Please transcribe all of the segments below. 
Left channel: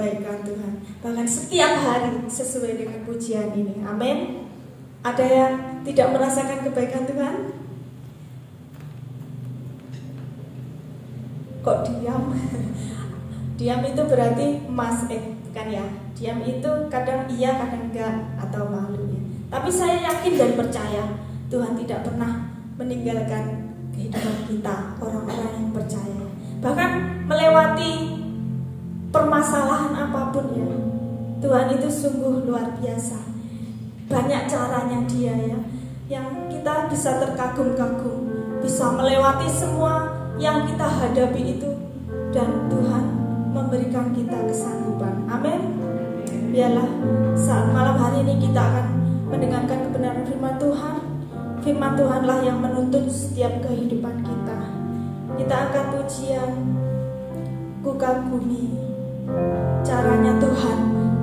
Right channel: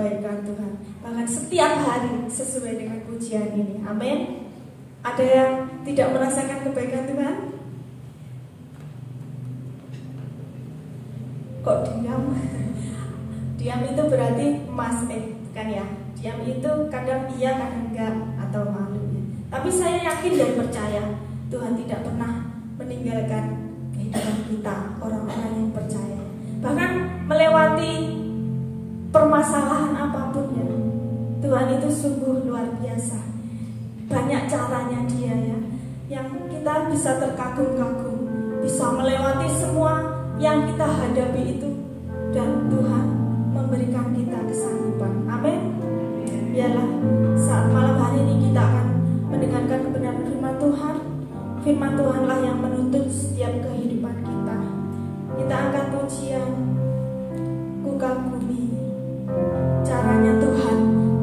kebaikan Tuhan, bahkan setiap hari sesuai dengan pujian ini. Amin. Ada yang tidak merasakan kebaikan Tuhan? Kok diam? Diam itu berarti kan ya. Diam itu kadang iya, kadang enggak, atau malu. Tapi saya yakin dan percaya Tuhan tidak pernah meninggalkan kehidupan kita, orang-orang yang percaya. Bahkan melewati permasalahan apapun ya, Tuhan itu sungguh luar biasa. Banyak caranya Dia ya, yang kita bisa terkagum-kagum, bisa melewati semua yang kita hadapi itu, dan Tuhan memberikan kita kesanggupan. Amin. Biarlah saat malam hari ini kita akan mendengarkan kebenaran firman Tuhan. Firman Tuhanlah yang menuntun setiap kehidupan kita. Kita angkat pujian, ku kagumi caranya Tuhan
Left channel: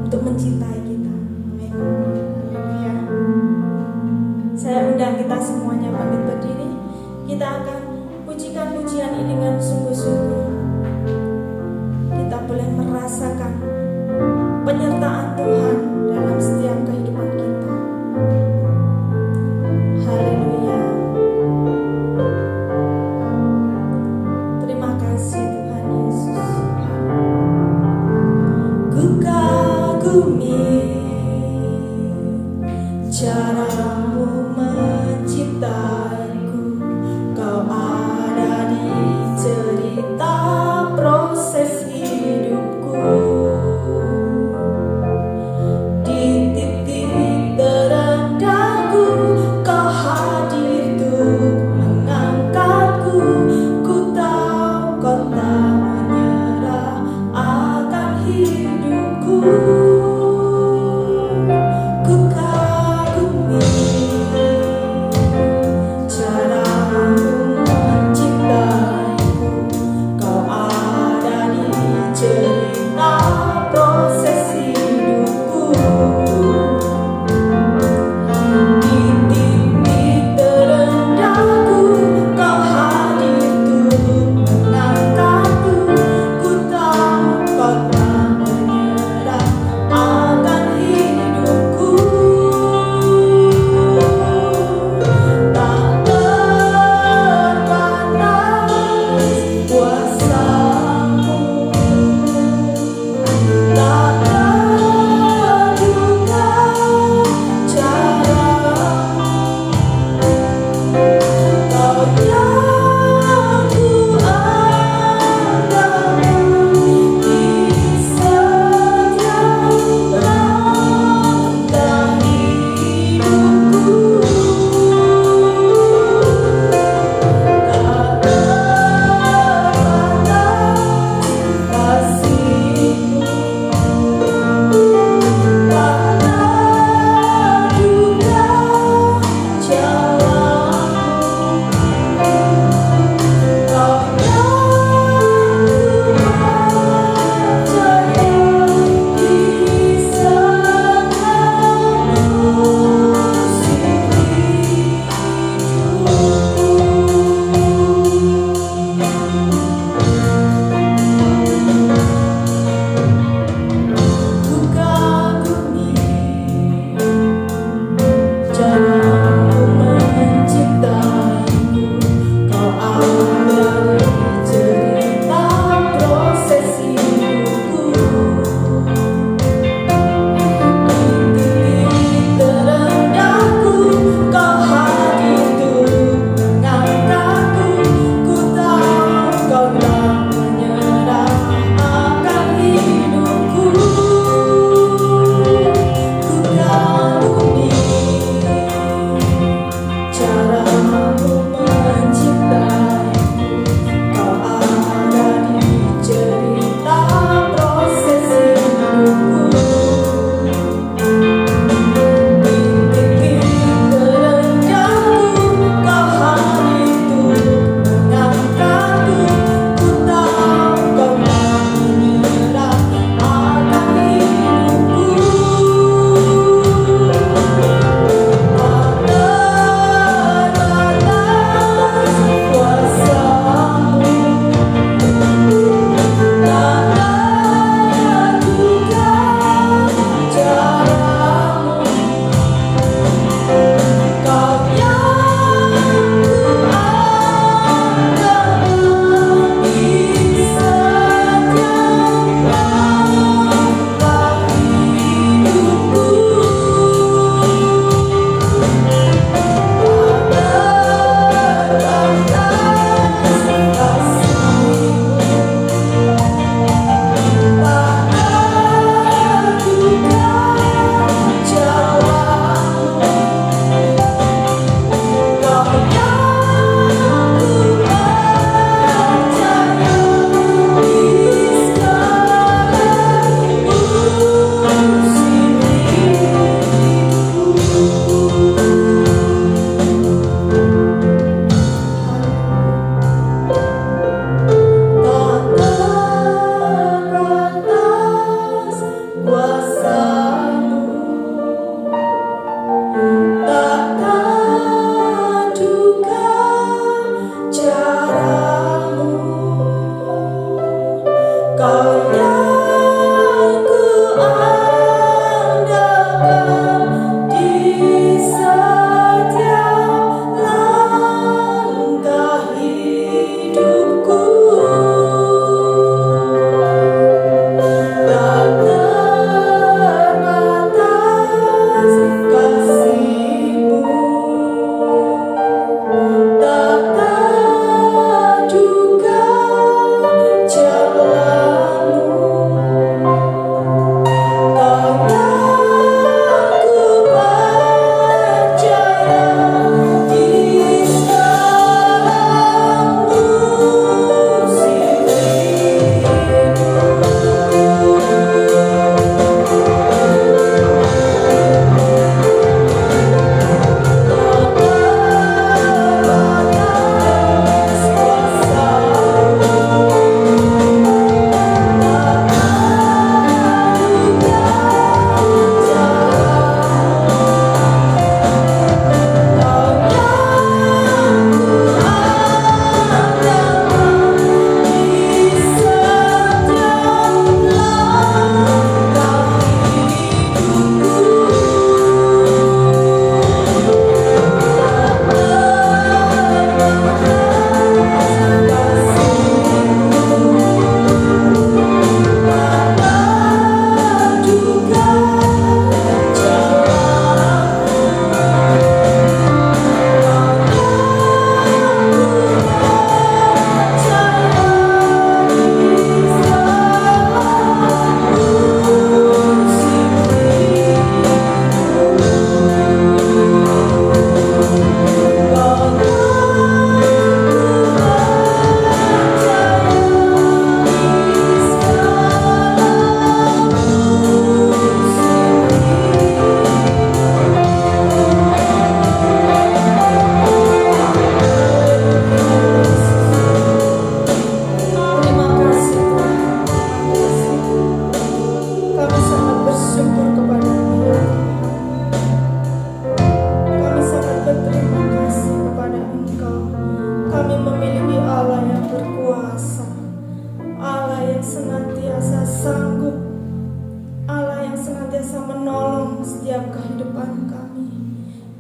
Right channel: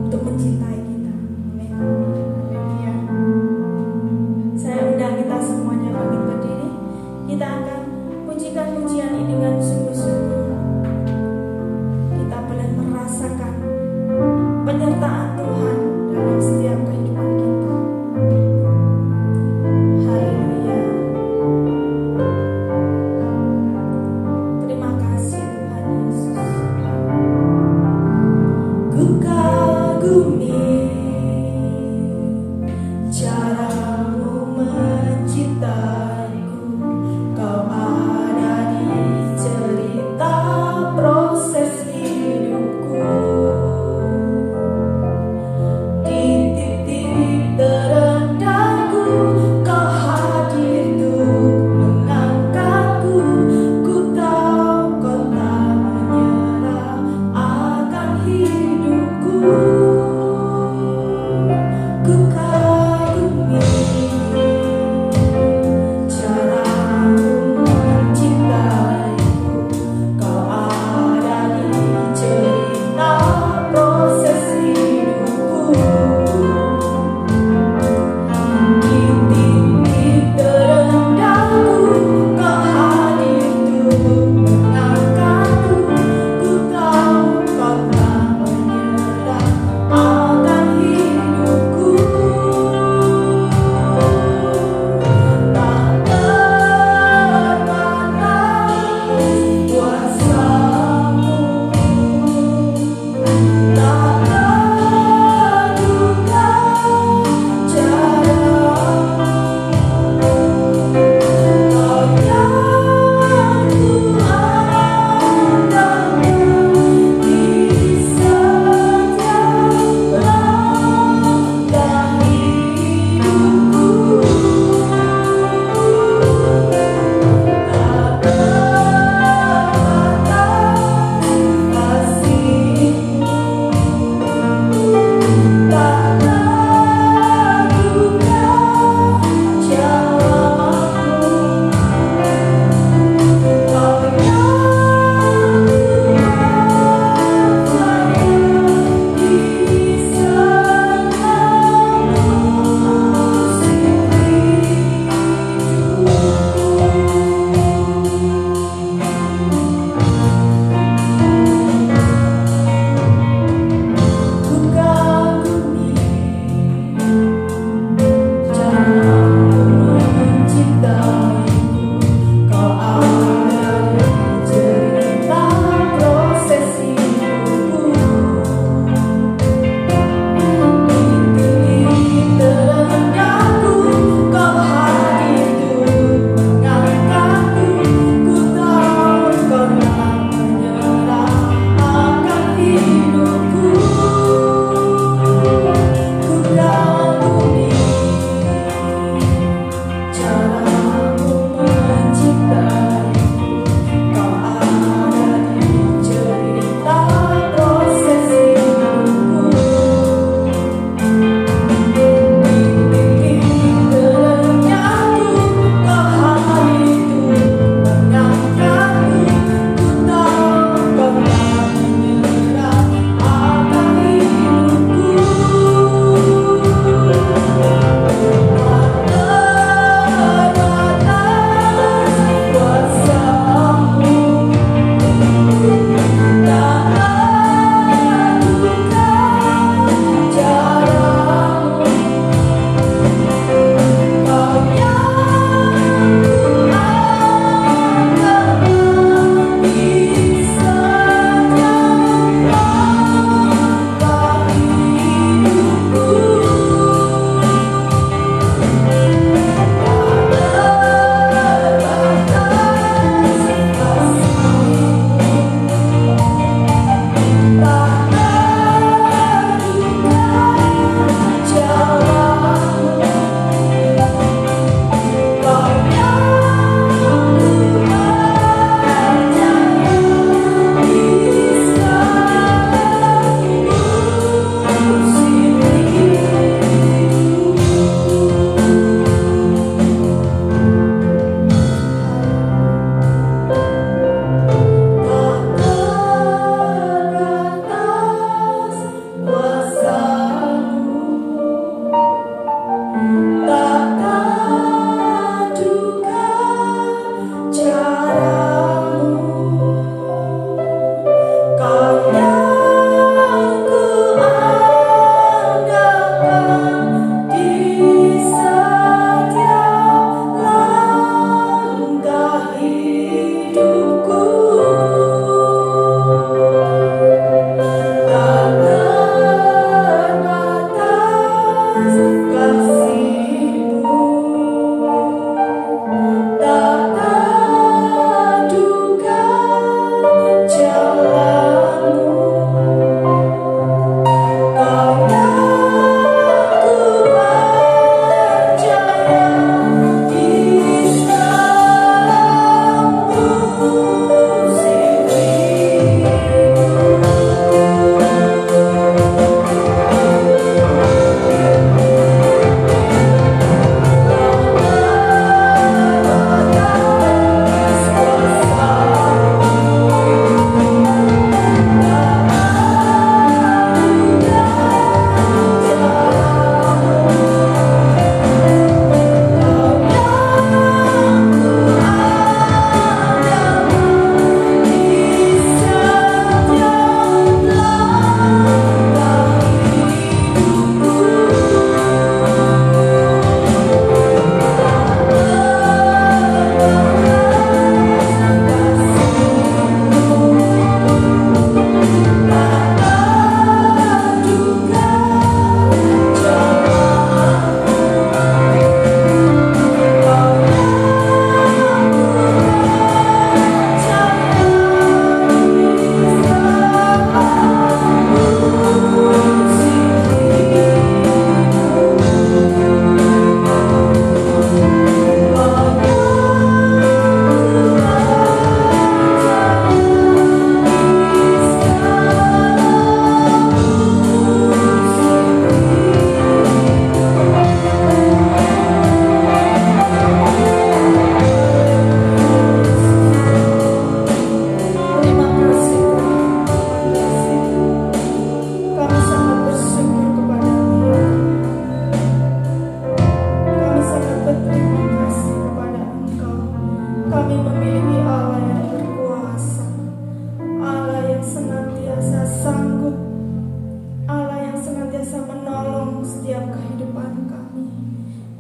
untuk mencintai kita. Amin. Haleluya. Saya undang kita semuanya bangkit berdiri. Kita akan pujikan pujian ini dengan sungguh-sungguh. Kita boleh merasakan penyertaan Tuhan dalam setiap kehidupan kita. Haleluya. Terima kasih Tuhan Yesus. Ku kagumi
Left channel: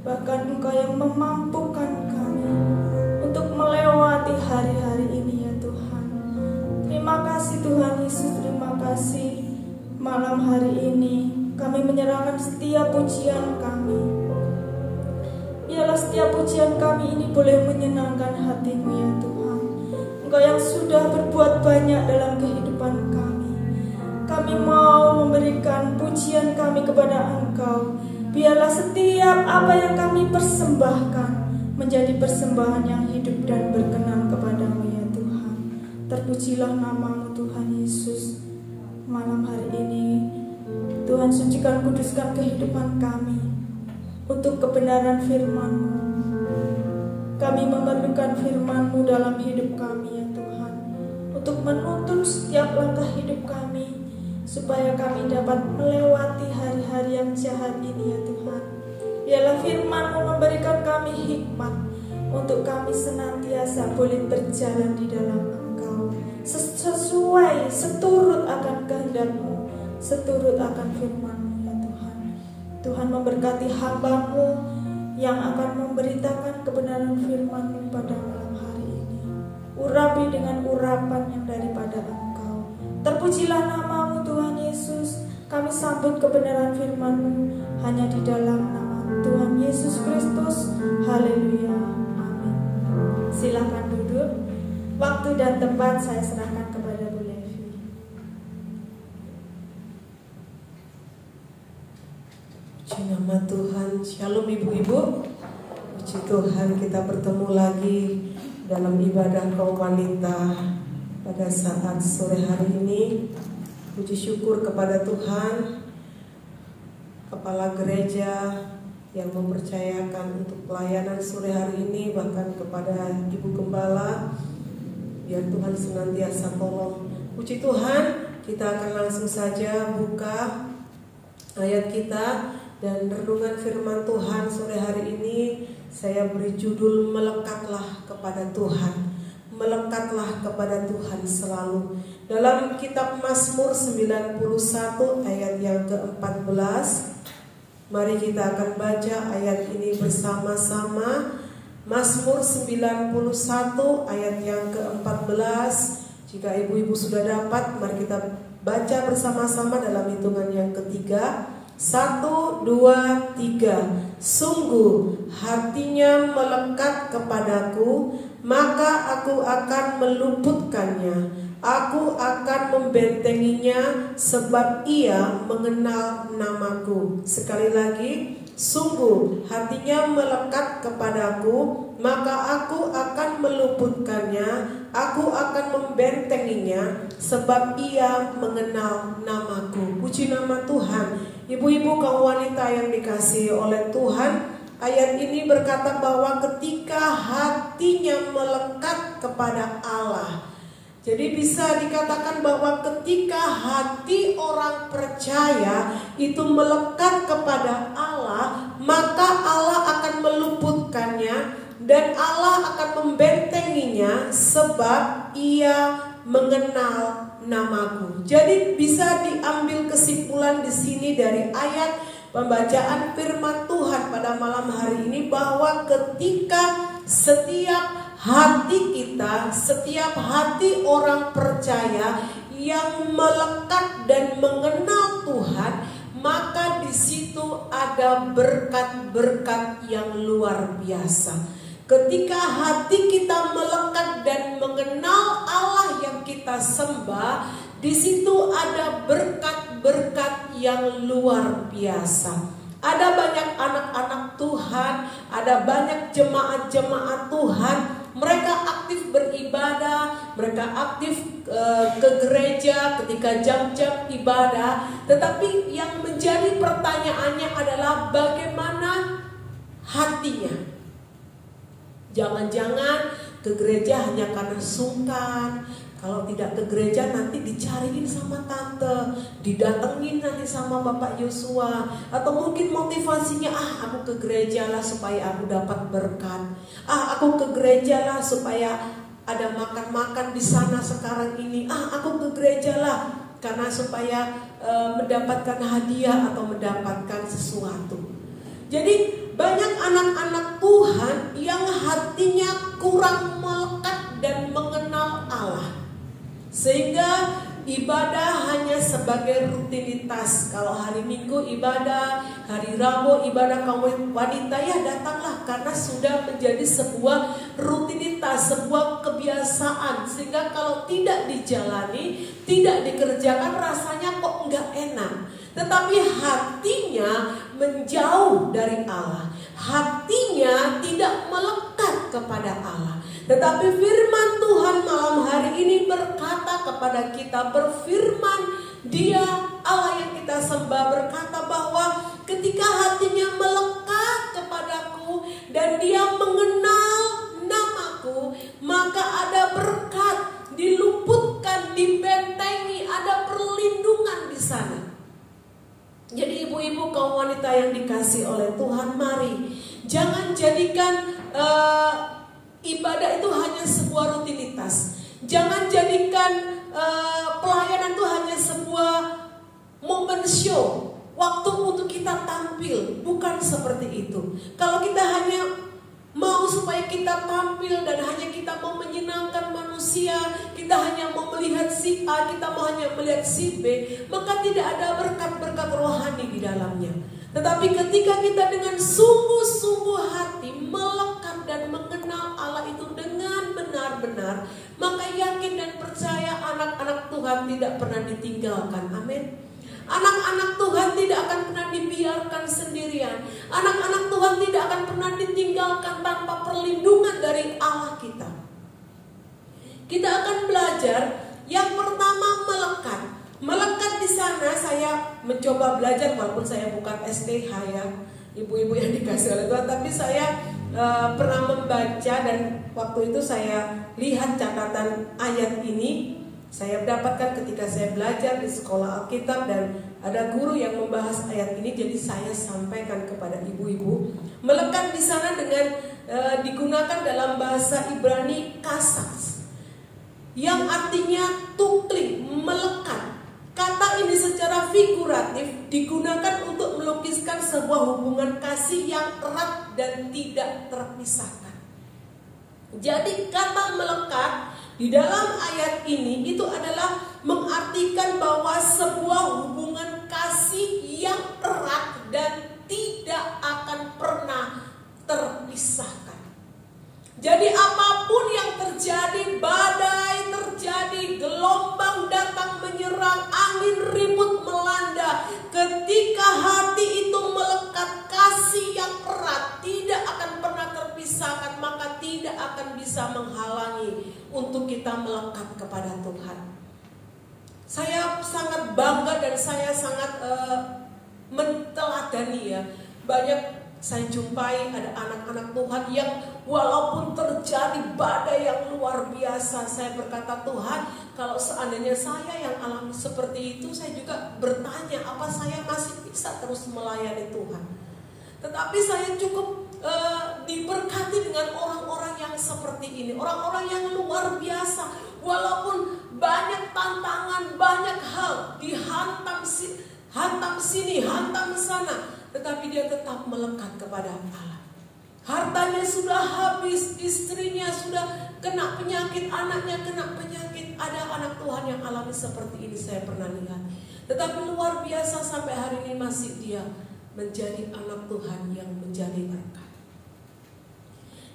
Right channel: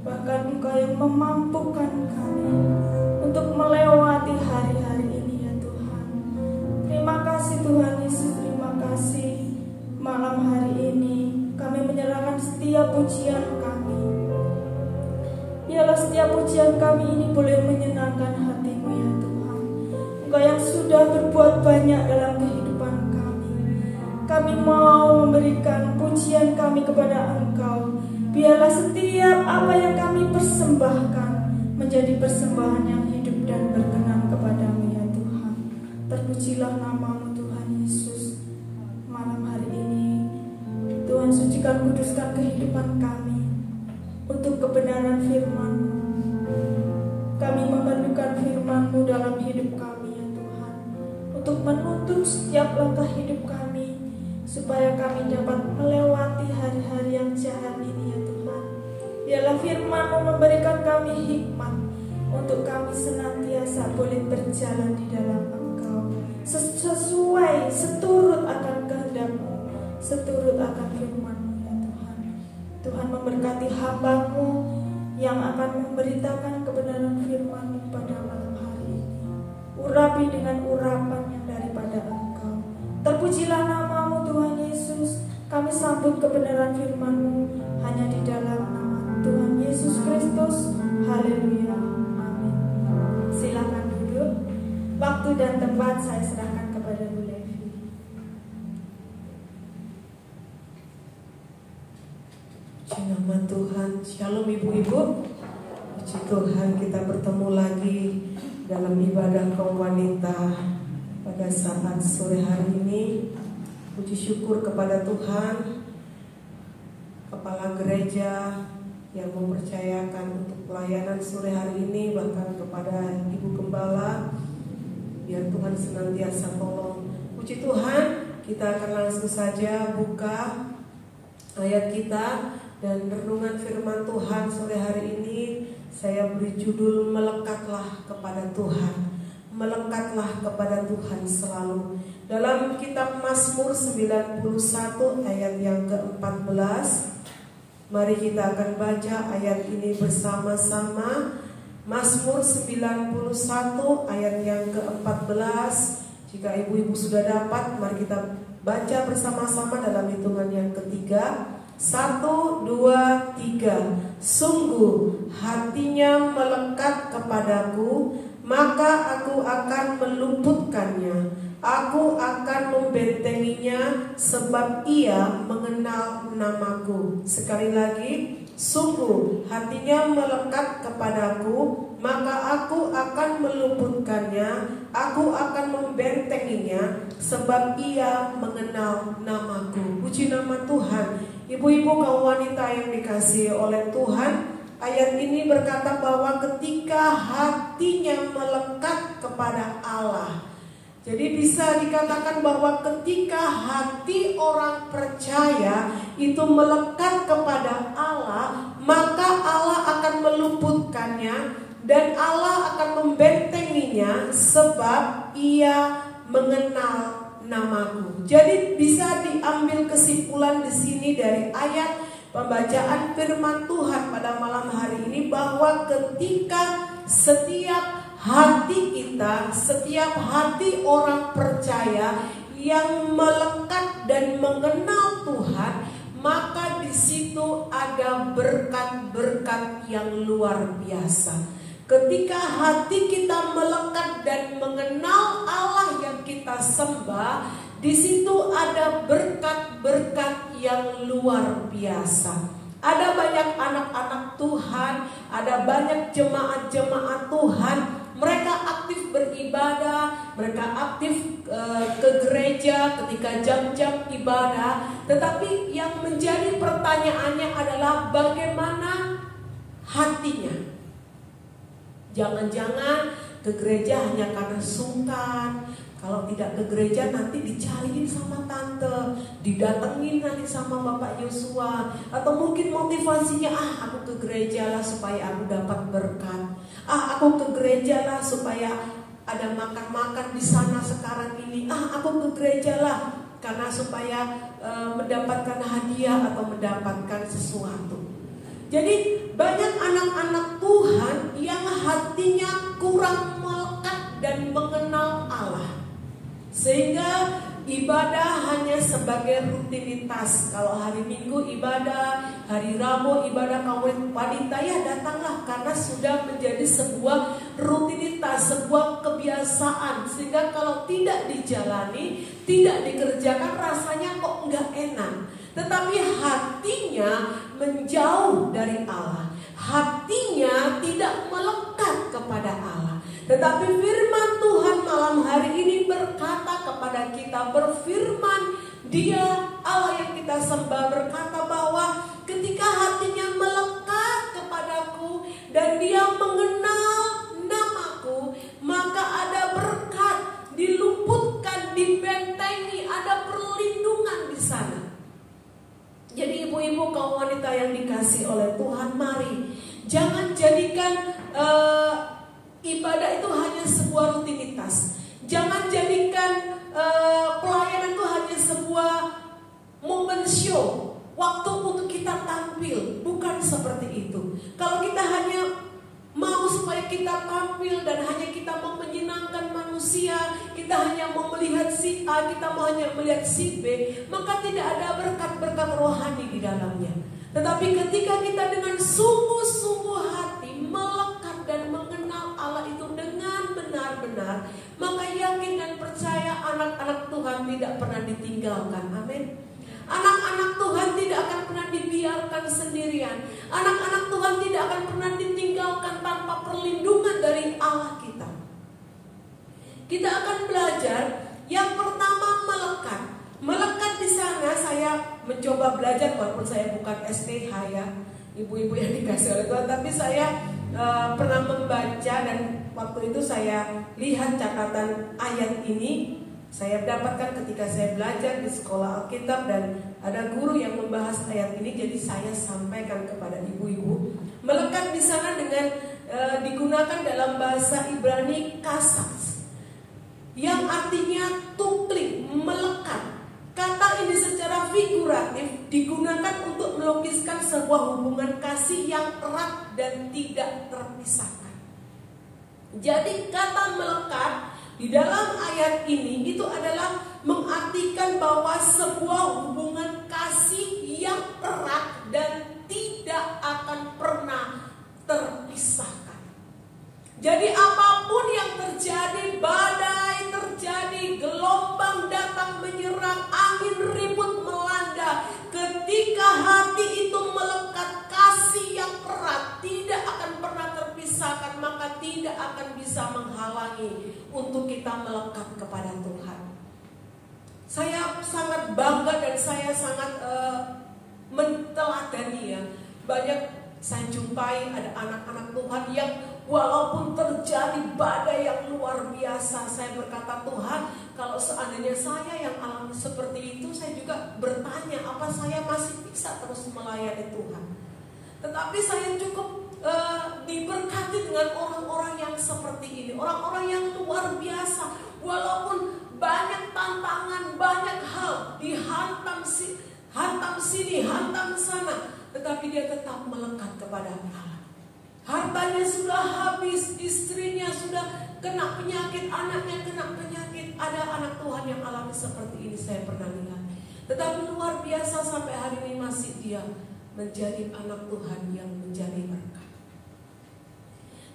Bahkan Engkau yang memampukan kami untuk melewati hari-hari ini ya Tuhan. Terima kasih Tuhan Yesus, terima kasih. Malam hari ini kami menyerahkan setiap pujian kami. Biarlah setiap pujian kami ini boleh menyenangkan hati-Mu ya Tuhan. Engkau yang sudah berbuat banyak dalam kehidupan kami. Kami mau memberikan pujian kami kepada Engkau. Biarlah setiap apa yang kami persembahkan menjadi persembahan yang hidup dan berkenan kepada-Mu ya Tuhan. Terpujilah nama-Mu Tuhan Yesus. Malam hari ini Tuhan sucikan kuduskan kehidupan kami untuk kebenaran firman-Mu. Kami memerlukan firman-Mu dalam hidup kami ya Tuhan, untuk menuntun setiap langkah hidup kami, supaya kami dapat melewati hari-hari yang jahat ini ya Tuhan. Biarlah firman-Mu memberikan kami hikmat, untuk kami senantiasa boleh berjalan di dalam Engkau, sesuai, seturut akan kehendak-Mu, seturut akan firman-Mu ya Tuhan. Tuhan memberkati hamba-Mu yang akan memberitakan kebenaran firman-Mu pada malam hari ini. Urapi dengan urapan yang daripada Engkau. Terpujilah nama-Mu Tuhan Yesus. Kami sambut kebenaran firman-Mu hanya di dalam nama Tuhan Yesus Kristus. Haleluya. Amin. Silakan duduk. Waktu dan tempat saya serahkan kepada Bu Levi. Puji nama Tuhan. Shalom ibu-ibu. Puji Tuhan, kita bertemu lagi dalam ibadah kaum wanita pada saat sore hari ini. Puji syukur kepada Tuhan, Kepala Gereja yang mempercayakan untuk pelayanan sore hari ini, bahkan kepada Ibu Gembala. Biar Tuhan senantiasa tolong. Puji Tuhan, kita akan langsung saja buka ayat kita dan renungan firman Tuhan sore hari ini. Saya beri judul melekatlah kepada Tuhan. Melekatlah kepada Tuhan selalu. Dalam kitab Mazmur 91 ayat yang ke-14. Mari kita akan baca ayat ini bersama-sama. Mazmur 91 ayat yang ke-14. Jika ibu-ibu sudah dapat, mari kita baca bersama-sama dalam hitungan yang ketiga. 1, 2, 3. Sungguh hatinya melekat kepadaku, maka aku akan meluputkannya. Aku akan membentenginya, sebab ia mengenal namaku. Sekali lagi, sungguh hatinya melekat kepadaku, maka aku akan meluputkannya. Aku akan membentenginya, sebab ia mengenal namaku. Puji nama Tuhan. Ibu-ibu kaum wanita yang dikasihi oleh Tuhan, ayat ini berkata bahwa ketika hatinya melekat kepada Allah. Jadi bisa dikatakan bahwa ketika hati orang percaya itu melekat kepada Allah, maka Allah akan meluputkannya dan Allah akan membentenginya, sebab ia mengenal namaku. Jadi bisa diambil kesimpulan di sini dari ayat pembacaan firman Tuhan pada malam hari ini, bahwa ketika setiap hati kita, setiap hati orang percaya yang melekat dan mengenal Tuhan, maka di situ ada berkat-berkat yang luar biasa. Ketika hati kita melekat dan mengenal Allah yang kita sembah, di situ ada berkat-berkat yang luar biasa. Ada banyak anak-anak Tuhan, ada banyak jemaat-jemaat Tuhan. Mereka aktif beribadah, mereka aktif ke gereja ketika jam-jam ibadah. Tetapi yang menjadi pertanyaannya adalah bagaimana hatinya? Jangan-jangan ke gereja hanya karena sungkan. Kalau tidak ke gereja nanti dicariin sama tante, didatengin nanti sama Bapak Yosua. Atau mungkin motivasinya, aku ke gereja lah supaya aku dapat berkat. Aku ke gereja lah supaya ada makan-makan di sana sekarang ini. Aku ke gereja lah karena supaya mendapatkan hadiah atau mendapatkan sesuatu. Jadi banyak anak-anak Tuhan yang hatinya kurang melekat dan mengenal Allah, sehingga ibadah hanya sebagai rutinitas. Kalau hari Minggu ibadah, hari Rabu ibadah kaum wanita, ya datanglah, karena sudah menjadi sebuah rutinitas, sebuah kebiasaan, sehingga kalau tidak dijalani, tidak dikerjakan, rasanya kok enggak enak. Tetapi hatinya menjauh dari Allah, hatinya tidak melekat kepada Allah. Tetapi firman Tuhan malam hari ini berkata kepada kita, berfirman, Dia Allah yang kita sembah berkata bahwa ketika hatinya melekat kepadaku dan dia mengenal namaku, maka ada berkat, diluputkan, dibentengi, ada perlindungan di sana. Jadi ibu-ibu kaum wanita yang dikasih oleh Tuhan, mari jangan jadikan ibadah itu hanya sebuah rutinitas. Jangan jadikan pelayanan itu hanya sebuah momen show, waktu untuk kita tampil. Bukan seperti itu. Kalau kita hanya mau supaya kita tampil dan hanya kita mau menyenangkan manusia, kita hanya mau melihat si A, kita mau hanya melihat si B, maka tidak ada berkat-berkat rohani di dalamnya. Tetapi ketika kita dengan sungguh-sungguh hati melekat dan mengenal Allah itu dengan benar-benar, maka yakin dan percaya anak-anak Tuhan tidak pernah ditinggalkan. Amin. Anak-anak Tuhan tidak akan pernah dibiarkan sendirian. Anak-anak Tuhan tidak akan pernah ditinggalkan tanpa perlindungan dari Allah kita. Kita akan belajar yang pertama, melekat. Melekat di sana saya mencoba belajar, walaupun saya bukan SPH ya, ibu-ibu yang dikasih oleh Tuhan, tapi saya pernah membaca dan waktu itu saya lihat catatan ayat ini. Saya dapatkan ketika saya belajar di sekolah Alkitab dan ada guru yang membahas ayat ini, jadi saya sampaikan kepada ibu-ibu. Melekat di sana dengan digunakan dalam bahasa Ibrani kasas, yang artinya tuklik, melekat. Kata ini secara figuratif digunakan untuk melukiskan sebuah hubungan kasih yang erat dan tidak terpisahkan. Jadi kata melekat di dalam ayat ini itu adalah mengartikan bahwa sebuah hubungan kasih yang erat dan tidak akan pernah terpisahkan. Jadi apapun yang terjadi, badai terjadi, gelombang datang menyerang, angin ribut melanda, ketika hati itu melekat, kasih yang erat tidak akan pernah terpisahkan, maka tidak akan bisa menghalangi untuk kita melekat kepada Tuhan. Saya sangat bangga dan saya sangat menteladani ya. Banyak saya jumpai ada anak-anak Tuhan yang walaupun terjadi badai yang luar biasa, saya berkata, Tuhan, kalau seandainya saya yang alami seperti itu, saya juga bertanya, apa saya masih bisa terus melayani Tuhan? Tetapi saya cukup diberkati dengan orang-orang yang seperti ini, orang-orang yang luar biasa. Walaupun banyak tantangan, banyak hal dihantam sini, hantam sana, tetapi dia tetap melekat kepada Allah. Hartanya sudah habis, istrinya sudah kena penyakit, anaknya kena penyakit. Ada anak Tuhan yang alami seperti ini, saya pernah lihat. Tetapi luar biasa sampai hari ini masih dia menjadi anak Tuhan yang menjadi berkat.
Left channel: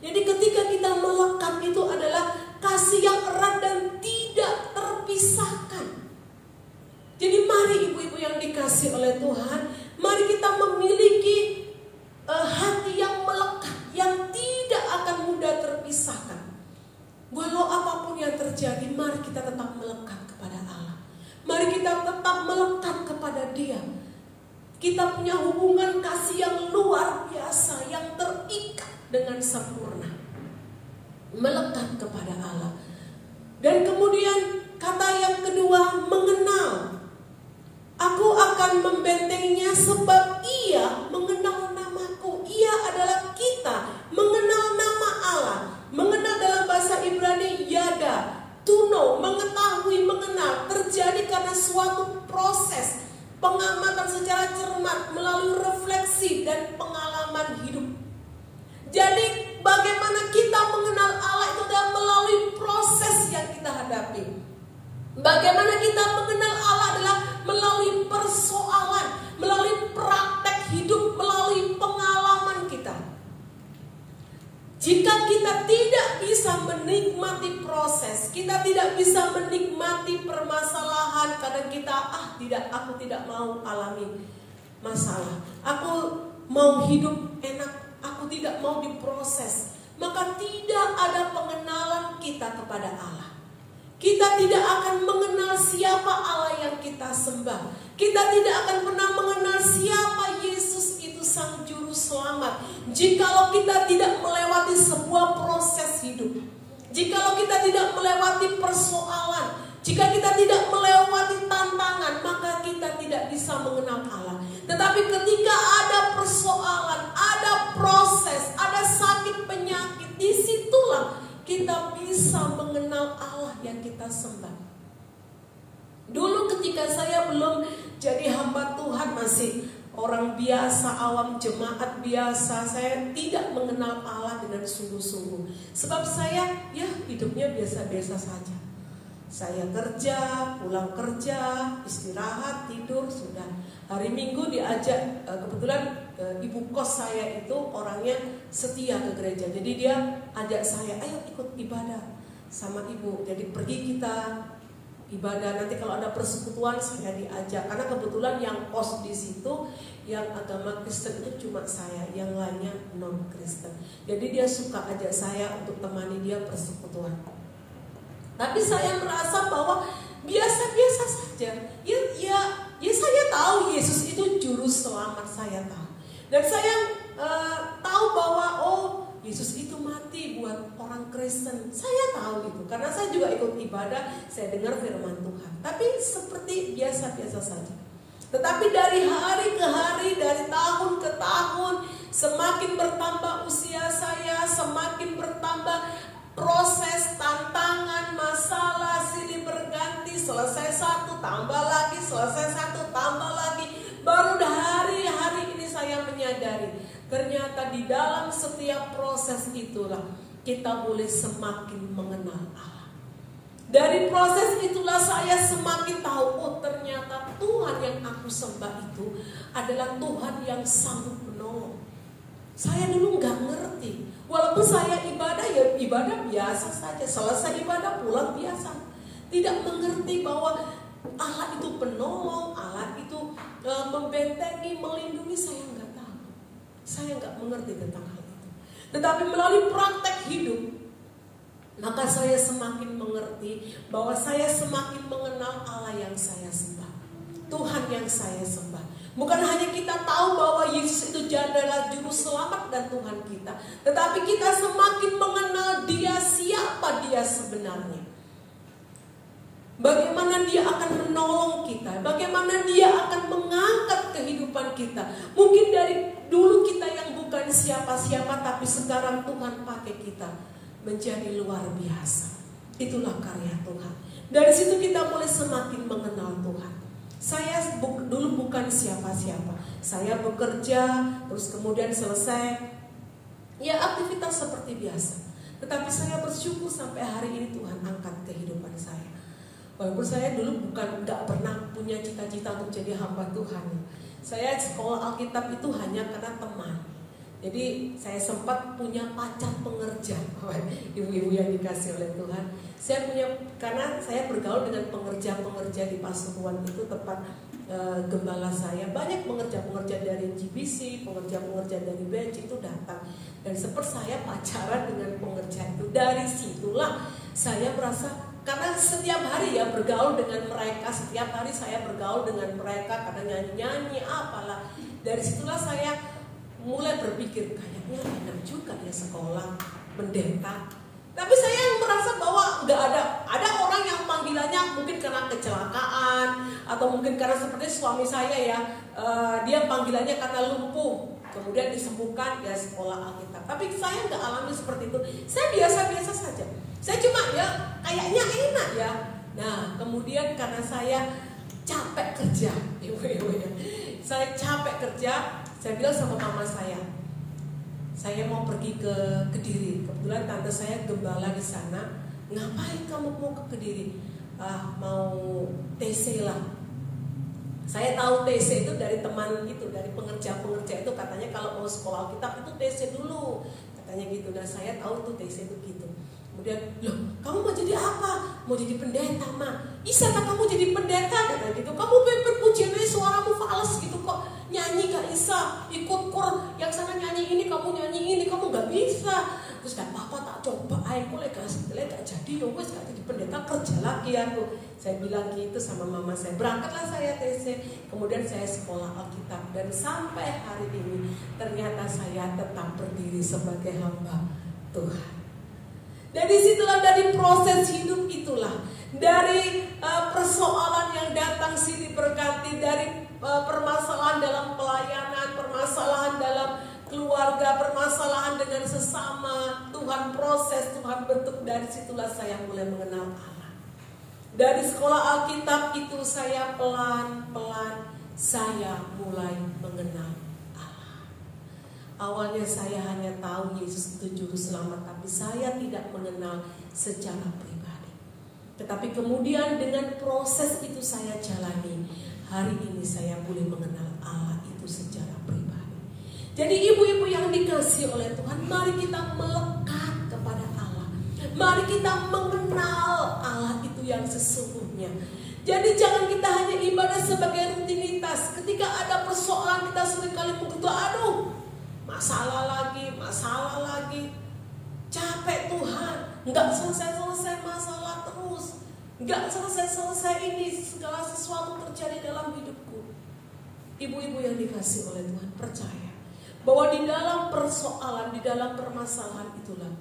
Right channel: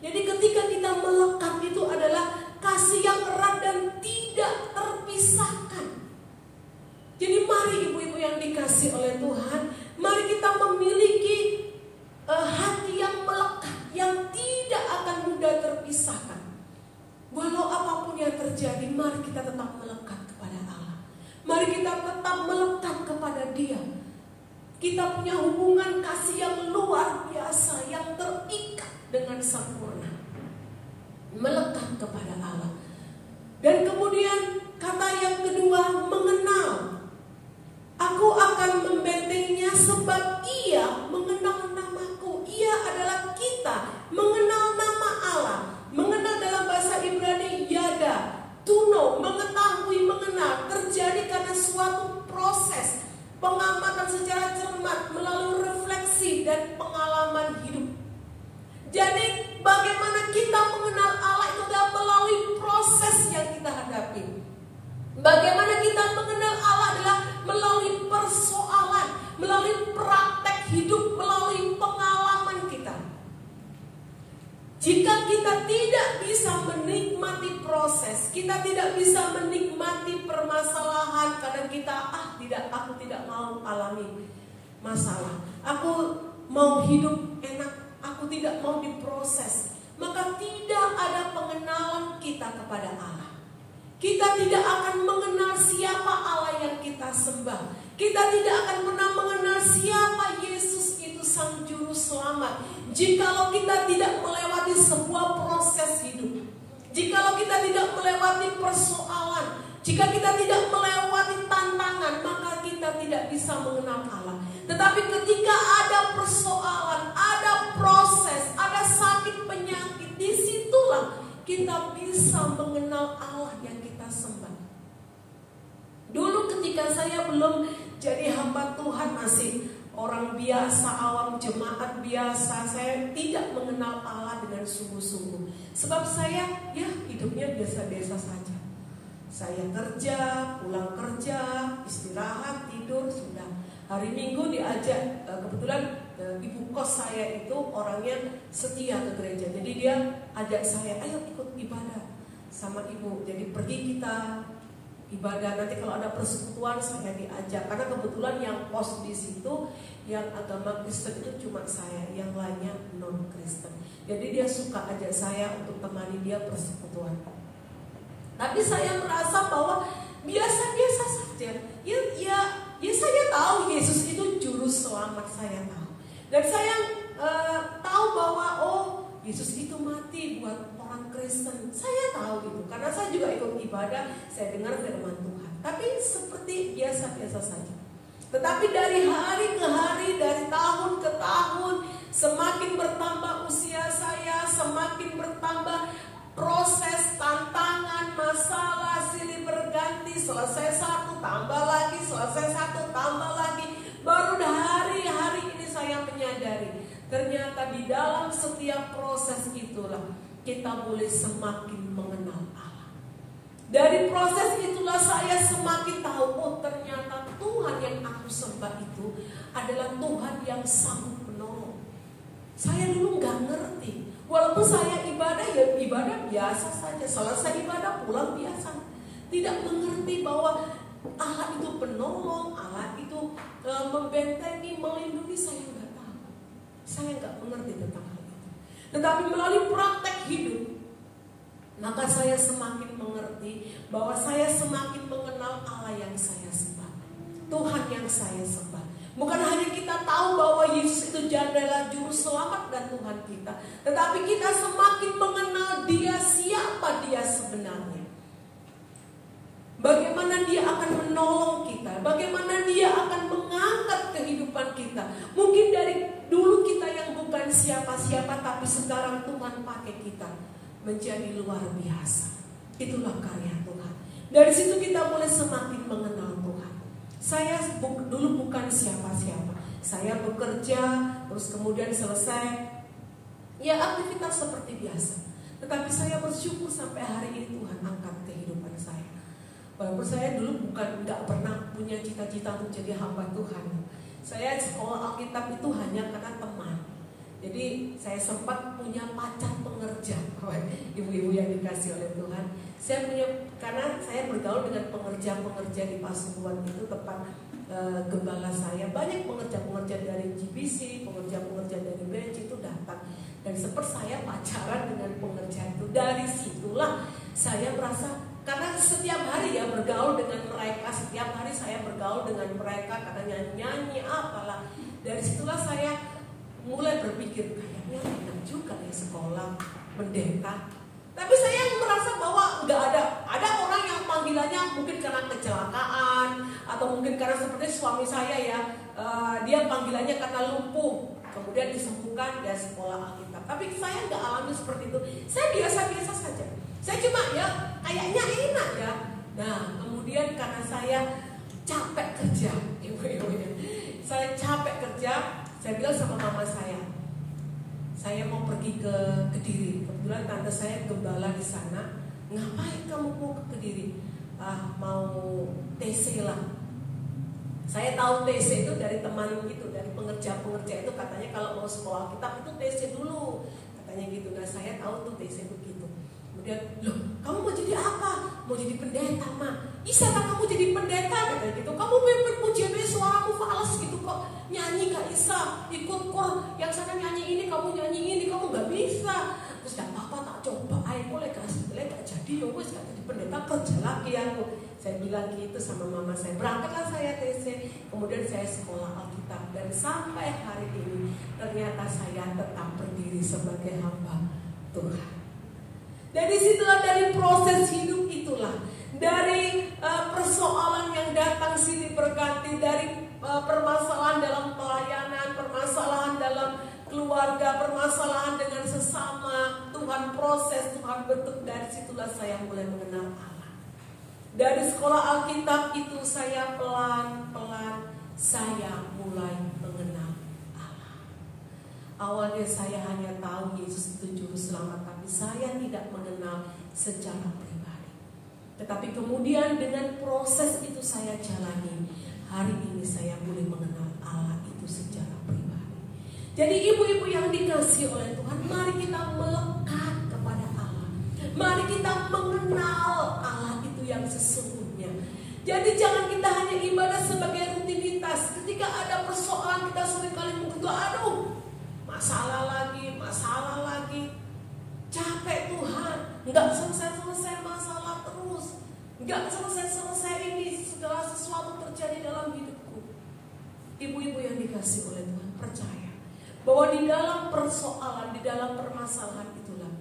Jadi ketika kita melekat itu adalah kasih yang erat dan tidak terpisahkan. Jadi mari ibu-ibu yang dikasih oleh Tuhan, mari kita memiliki hati yang melekat, yang tidak akan mudah terpisahkan. Walau apapun yang terjadi, mari kita tetap melekat kepada Allah. Mari kita tetap melekat kepada Dia. Kita punya hubungan kasih yang luar biasa, yang terikat dengan sempurna. Melekat kepada Allah. Dan kemudian kata yang kedua, mengenal. Aku akan membentenginya sebab Ia mengenal namaku. Ia adalah kita mengenal nama Allah. Mengenal dalam bahasa Ibrani yada, tuno, mengetahui, mengenal, terjadi karena suatu proses pengamatan secara cermat melalui refleksi dan pengalaman hidup Jadi bagaimana kita mengenal Allah itu adalah melalui proses yang kita hadapi. Bagaimana kita mengenal Allah adalah melalui persoalan, melalui praktek hidup, melalui pengalaman kita. Jika kita tidak bisa menikmati proses, kita tidak bisa menikmati permasalahan karena kita aku tidak mau alami masalah. Aku mau hidup enak, aku tidak mau diproses. Maka tidak ada pengenalan kita kepada Allah. Kita tidak akan mengenal siapa Allah yang kita sembah. Kita tidak akan pernah mengenal siapa Yesus itu Sang Juru Selamat. Jikalau kita tidak melewati sebuah proses hidup, jikalau kita tidak melewati persoalan, jika kita tidak melewati tantangan, maka kita tidak bisa mengenal Allah. Tetapi ketika ada persoalan, ada proses, ada sakit penyakit, disitulah kita bisa mengenal Allah yang kita sembah. Dulu ketika saya belum jadi hamba Tuhan, masih orang biasa, awam jemaat biasa, saya tidak mengenal Allah dengan sungguh-sungguh. Sebab saya hidupnya biasa-biasa saja. Saya kerja, pulang kerja, istirahat, tidur, sudah. Hari Minggu diajak, kebetulan ibu kos saya itu orangnya setia ke gereja. Jadi dia ajak saya, ayo ikut ibadah sama ibu. Jadi pergi kita ibadah, nanti kalau ada persekutuan saya diajak. Karena kebetulan yang kos di situ yang agama Kristen itu cuma saya, yang lainnya non Kristen. Jadi dia suka ajak saya untuk temani dia persekutuan. Tapi saya merasa bahwa biasa-biasa saja. Ya saya tahu Yesus itu juru selamat, saya tahu. Dan saya tahu bahwa Yesus itu mati buat orang Kristen. Saya tahu itu karena saya juga ikut ibadah, saya dengar firman Tuhan. Tapi seperti biasa-biasa saja. Tetapi dari hari ke hari, dari tahun ke tahun, semakin bertambah usia saya, semakin bertambah proses, tantangan, masalah, silih berganti. Selesai satu, tambah lagi, selesai satu, tambah lagi. Baru hari-hari ini saya menyadari, ternyata di dalam setiap proses itulah kita boleh semakin mengenal Allah. Dari proses itulah saya semakin tahu, ternyata Tuhan yang aku sembah itu adalah Tuhan yang sanggup menolong. Saya dulu nggak ngerti. Walaupun saya ibadah biasa saja, selesai ibadah pulang biasa. Tidak mengerti bahwa Allah itu penolong, Allah itu membentengi, melindungi. Saya nggak tahu. Saya nggak mengerti tentang hal itu. Tetapi melalui praktek hidup, maka saya semakin mengerti bahwa saya semakin mengenal Allah yang saya sembah, Tuhan yang saya sembah. Bukan hanya kita tahu bahwa Yesus itu adalah juru selamat dan Tuhan kita, tetapi kita semakin mengenal Dia, siapa Dia sebenarnya. Bagaimana Dia akan menolong kita, bagaimana Dia akan mengangkat kehidupan kita. Mungkin dari dulu kita yang bukan siapa-siapa, tapi sekarang Tuhan pakai kita menjadi luar biasa. Itulah karya Tuhan. Dari situ kita boleh semakin mengenal Tuhan. Saya dulu bukan siapa-siapa. Saya bekerja, terus kemudian selesai, ya aktivitas seperti biasa. Tetapi saya bersyukur sampai hari ini Tuhan angkat kehidupan saya. Walaupun saya dulu nggak pernah punya cita-cita untuk jadi hamba Tuhan. Saya sekolah Alkitab itu hanya karena teman. Jadi saya sempat punya pacar pengerja, ibu-ibu yang dikasih oleh Tuhan. Saya punya, karena saya bergaul dengan pengerja-pengerja di Pasuruan itu, tempat gembala saya. Banyak pengerja-pengerja dari GBC, pengerja-pengerja dari bench itu datang. Dan sempat saya pacaran dengan pengerja itu. Dari situlah saya merasa, karena setiap hari ya bergaul dengan mereka, setiap hari saya bergaul dengan mereka, kadang nyanyi-nyanyi apalah. Dari situlah saya mulai berpikir, kayaknya enak juga ya sekolah pendeta. Tapi saya merasa bahwa nggak ada orang yang panggilannya mungkin karena kecelakaan atau mungkin karena seperti suami saya ya, dia panggilannya karena lumpuh kemudian disembuhkan ya sekolah Alkitab. Tapi saya nggak alami seperti itu. Saya biasa-biasa saja. Saya cuma ya kayaknya enak ya. Nah kemudian karena saya capek kerja, ibu-ibunya, saya capek kerja. Saya bilang sama mama saya saya mau pergi ke Kediri. Kebetulan tante saya gembala di sana. Ngapain kamu mau ke Kediri? Mau TC lah. Saya tahu TC itu dari teman itu, dari pengerja itu, katanya kalau mau sekolah kitab itu TC dulu, katanya gitu. Dan saya tahu tuh TC itu gitu. Kemudian, loh, kamu mau jadi apa? Mau jadi pendeta, Ma? Bisa kan kamu jadi pendeta? Kayak gitu. Kamu berpujian suaramu fals gitu kok. Nyanyi gak bisa. Ikut kor yang sana nyanyi ini, kamu nyanyi ini, kamu gak bisa. Terus gak apa-apa, tak coba. Ayo boleh kasih gak jadi. Ya wes gak jadi pendeta, kerja lagi aku. Saya bilang gitu sama mama saya. Berangkatlah saya TC. Kemudian saya sekolah Alkitab. Dan sampai hari ini ternyata saya tetap berdiri sebagai hamba Tuhan. Dan disitulah dari proses hidup itulah, dari persoalan yang datang silih berganti, dari permasalahan dalam pelayanan, permasalahan dalam keluarga, permasalahan dengan sesama, Tuhan proses, Tuhan bentuk. Dari situlah saya mulai mengenal Allah. Dari sekolah Alkitab itu saya pelan-pelan saya mulai mengenal Allah. Awalnya saya hanya tahu Yesus itu juru selamat, tapi saya tidak mengenal secara pribadi. Tetapi kemudian dengan proses itu saya jalani, hari ini saya boleh mengenal Allah itu secara pribadi. Jadi ibu-ibu yang dikasihi oleh Tuhan, mari kita melekat kepada Allah. Mari kita mengenal Allah itu yang sesungguhnya. Jadi jangan kita hanya ibadah sebagai rutinitas. Ketika ada persoalan kita seringkali begitu, masalah lagi, capek Tuhan, nggak selesai masalah terus, nggak selesai ini, segala sesuatu terjadi dalam hidupku. Ibu-ibu yang dikasihi oleh Tuhan, percaya bahwa di dalam persoalan, di dalam permasalahan itulah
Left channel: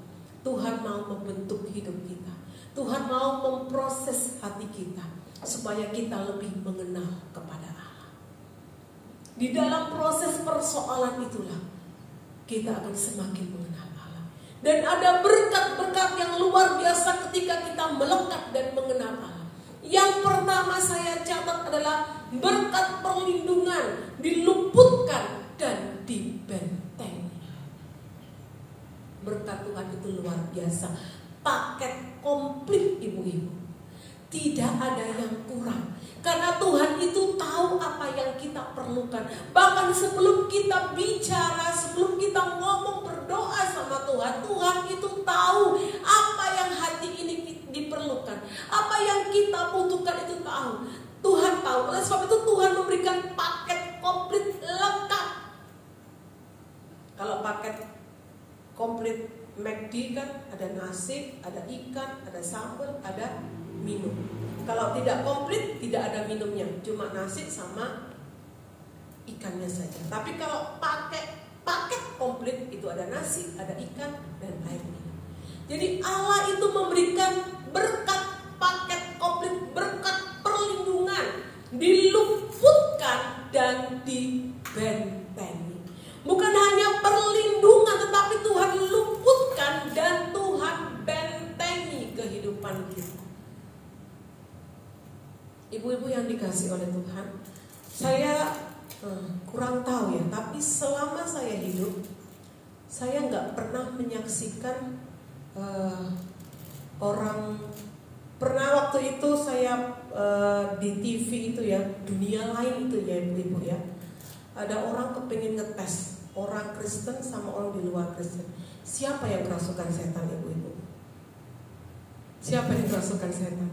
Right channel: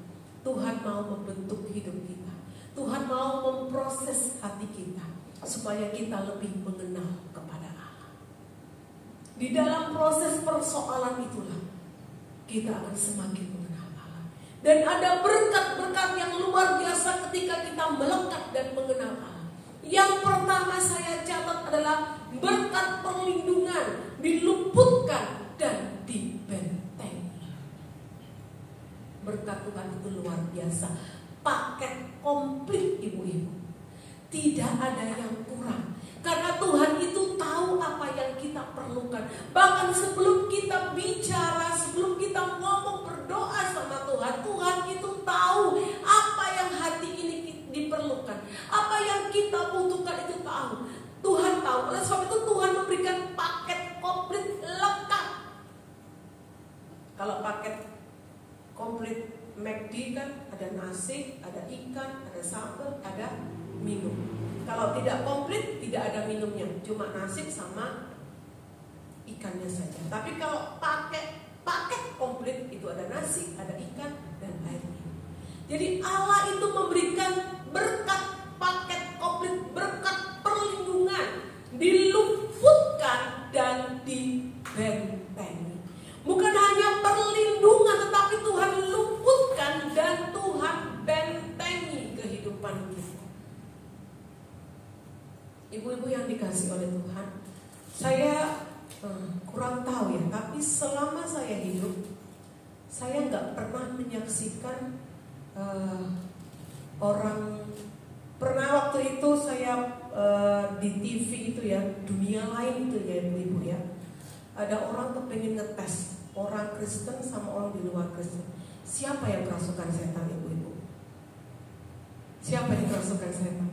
Tuhan mau membentuk hidup kita. Tuhan mau memproses hati kita supaya kita lebih mengenal kepada Allah. Di dalam proses persoalan itulah kita akan semakin mengenal Allah. Dan ada berkat-berkat yang luar biasa ketika kita melekat dan mengenal Allah. Yang pertama saya catat adalah berkat perlindungan, diluputkan dan dibentengi. Berkat Tuhan itu luar biasa, paket komplit ibu-ibu. Tidak ada yang kurang. Karena Tuhan itu tahu apa yang kita perlukan. Bahkan sebelum kita bicara, sebelum kita ngomong berdoa sama Tuhan, Tuhan itu tahu apa yang hati ini diperlukan. Apa yang kita butuhkan itu tahu. Tuhan tahu. Oleh sebab itu Tuhan memberikan paket komplit lengkap. Kalau paket komplit McD kan ada nasi, ada ikan, ada sambal, ada minum. Kalau tidak komplit, tidak ada minumnya, cuma nasi sama ikannya saja. Tapi kalau pakai paket komplit itu ada nasi, ada ikan, dan air minum. Jadi Allah itu memberikan berkat paket komplit, berkat perlindungan, diluputkan dan dibentengi. Bukan hanya perlindungan, tetapi Tuhan luputkan dan Tuhan bentengi kehidupan kita. Ibu-ibu yang dikasihi oleh Tuhan, saya kurang tahu ya, tapi selama saya hidup, saya nggak pernah menyaksikan orang. Pernah waktu itu saya di TV itu ya, dunia lain itu ya ibu-ibu ya, ada orang tuh pengen ngetes orang Kristen sama orang di luar Kristen, siapa yang kerasukan setan ibu-ibu? Siapa yang kerasukan setan?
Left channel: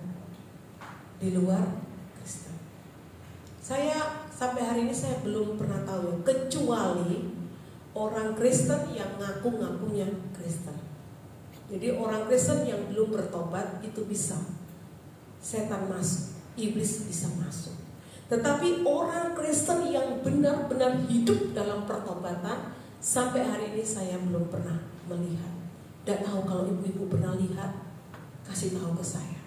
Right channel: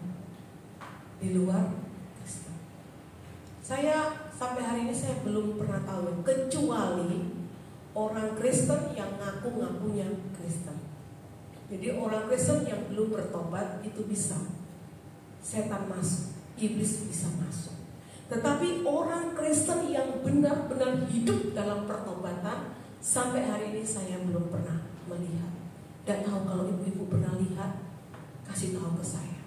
Di luar Kristen. Saya sampai hari ini saya belum pernah tahu ya, kecuali orang Kristen yang ngaku-ngakunya Kristen. Jadi orang Kristen yang belum bertobat itu bisa setan masuk, iblis bisa masuk. Tetapi orang Kristen yang benar-benar hidup dalam pertobatan, sampai hari ini saya belum pernah melihat. Dan tahu kalau ibu-ibu pernah lihat, kasih tahu ke saya.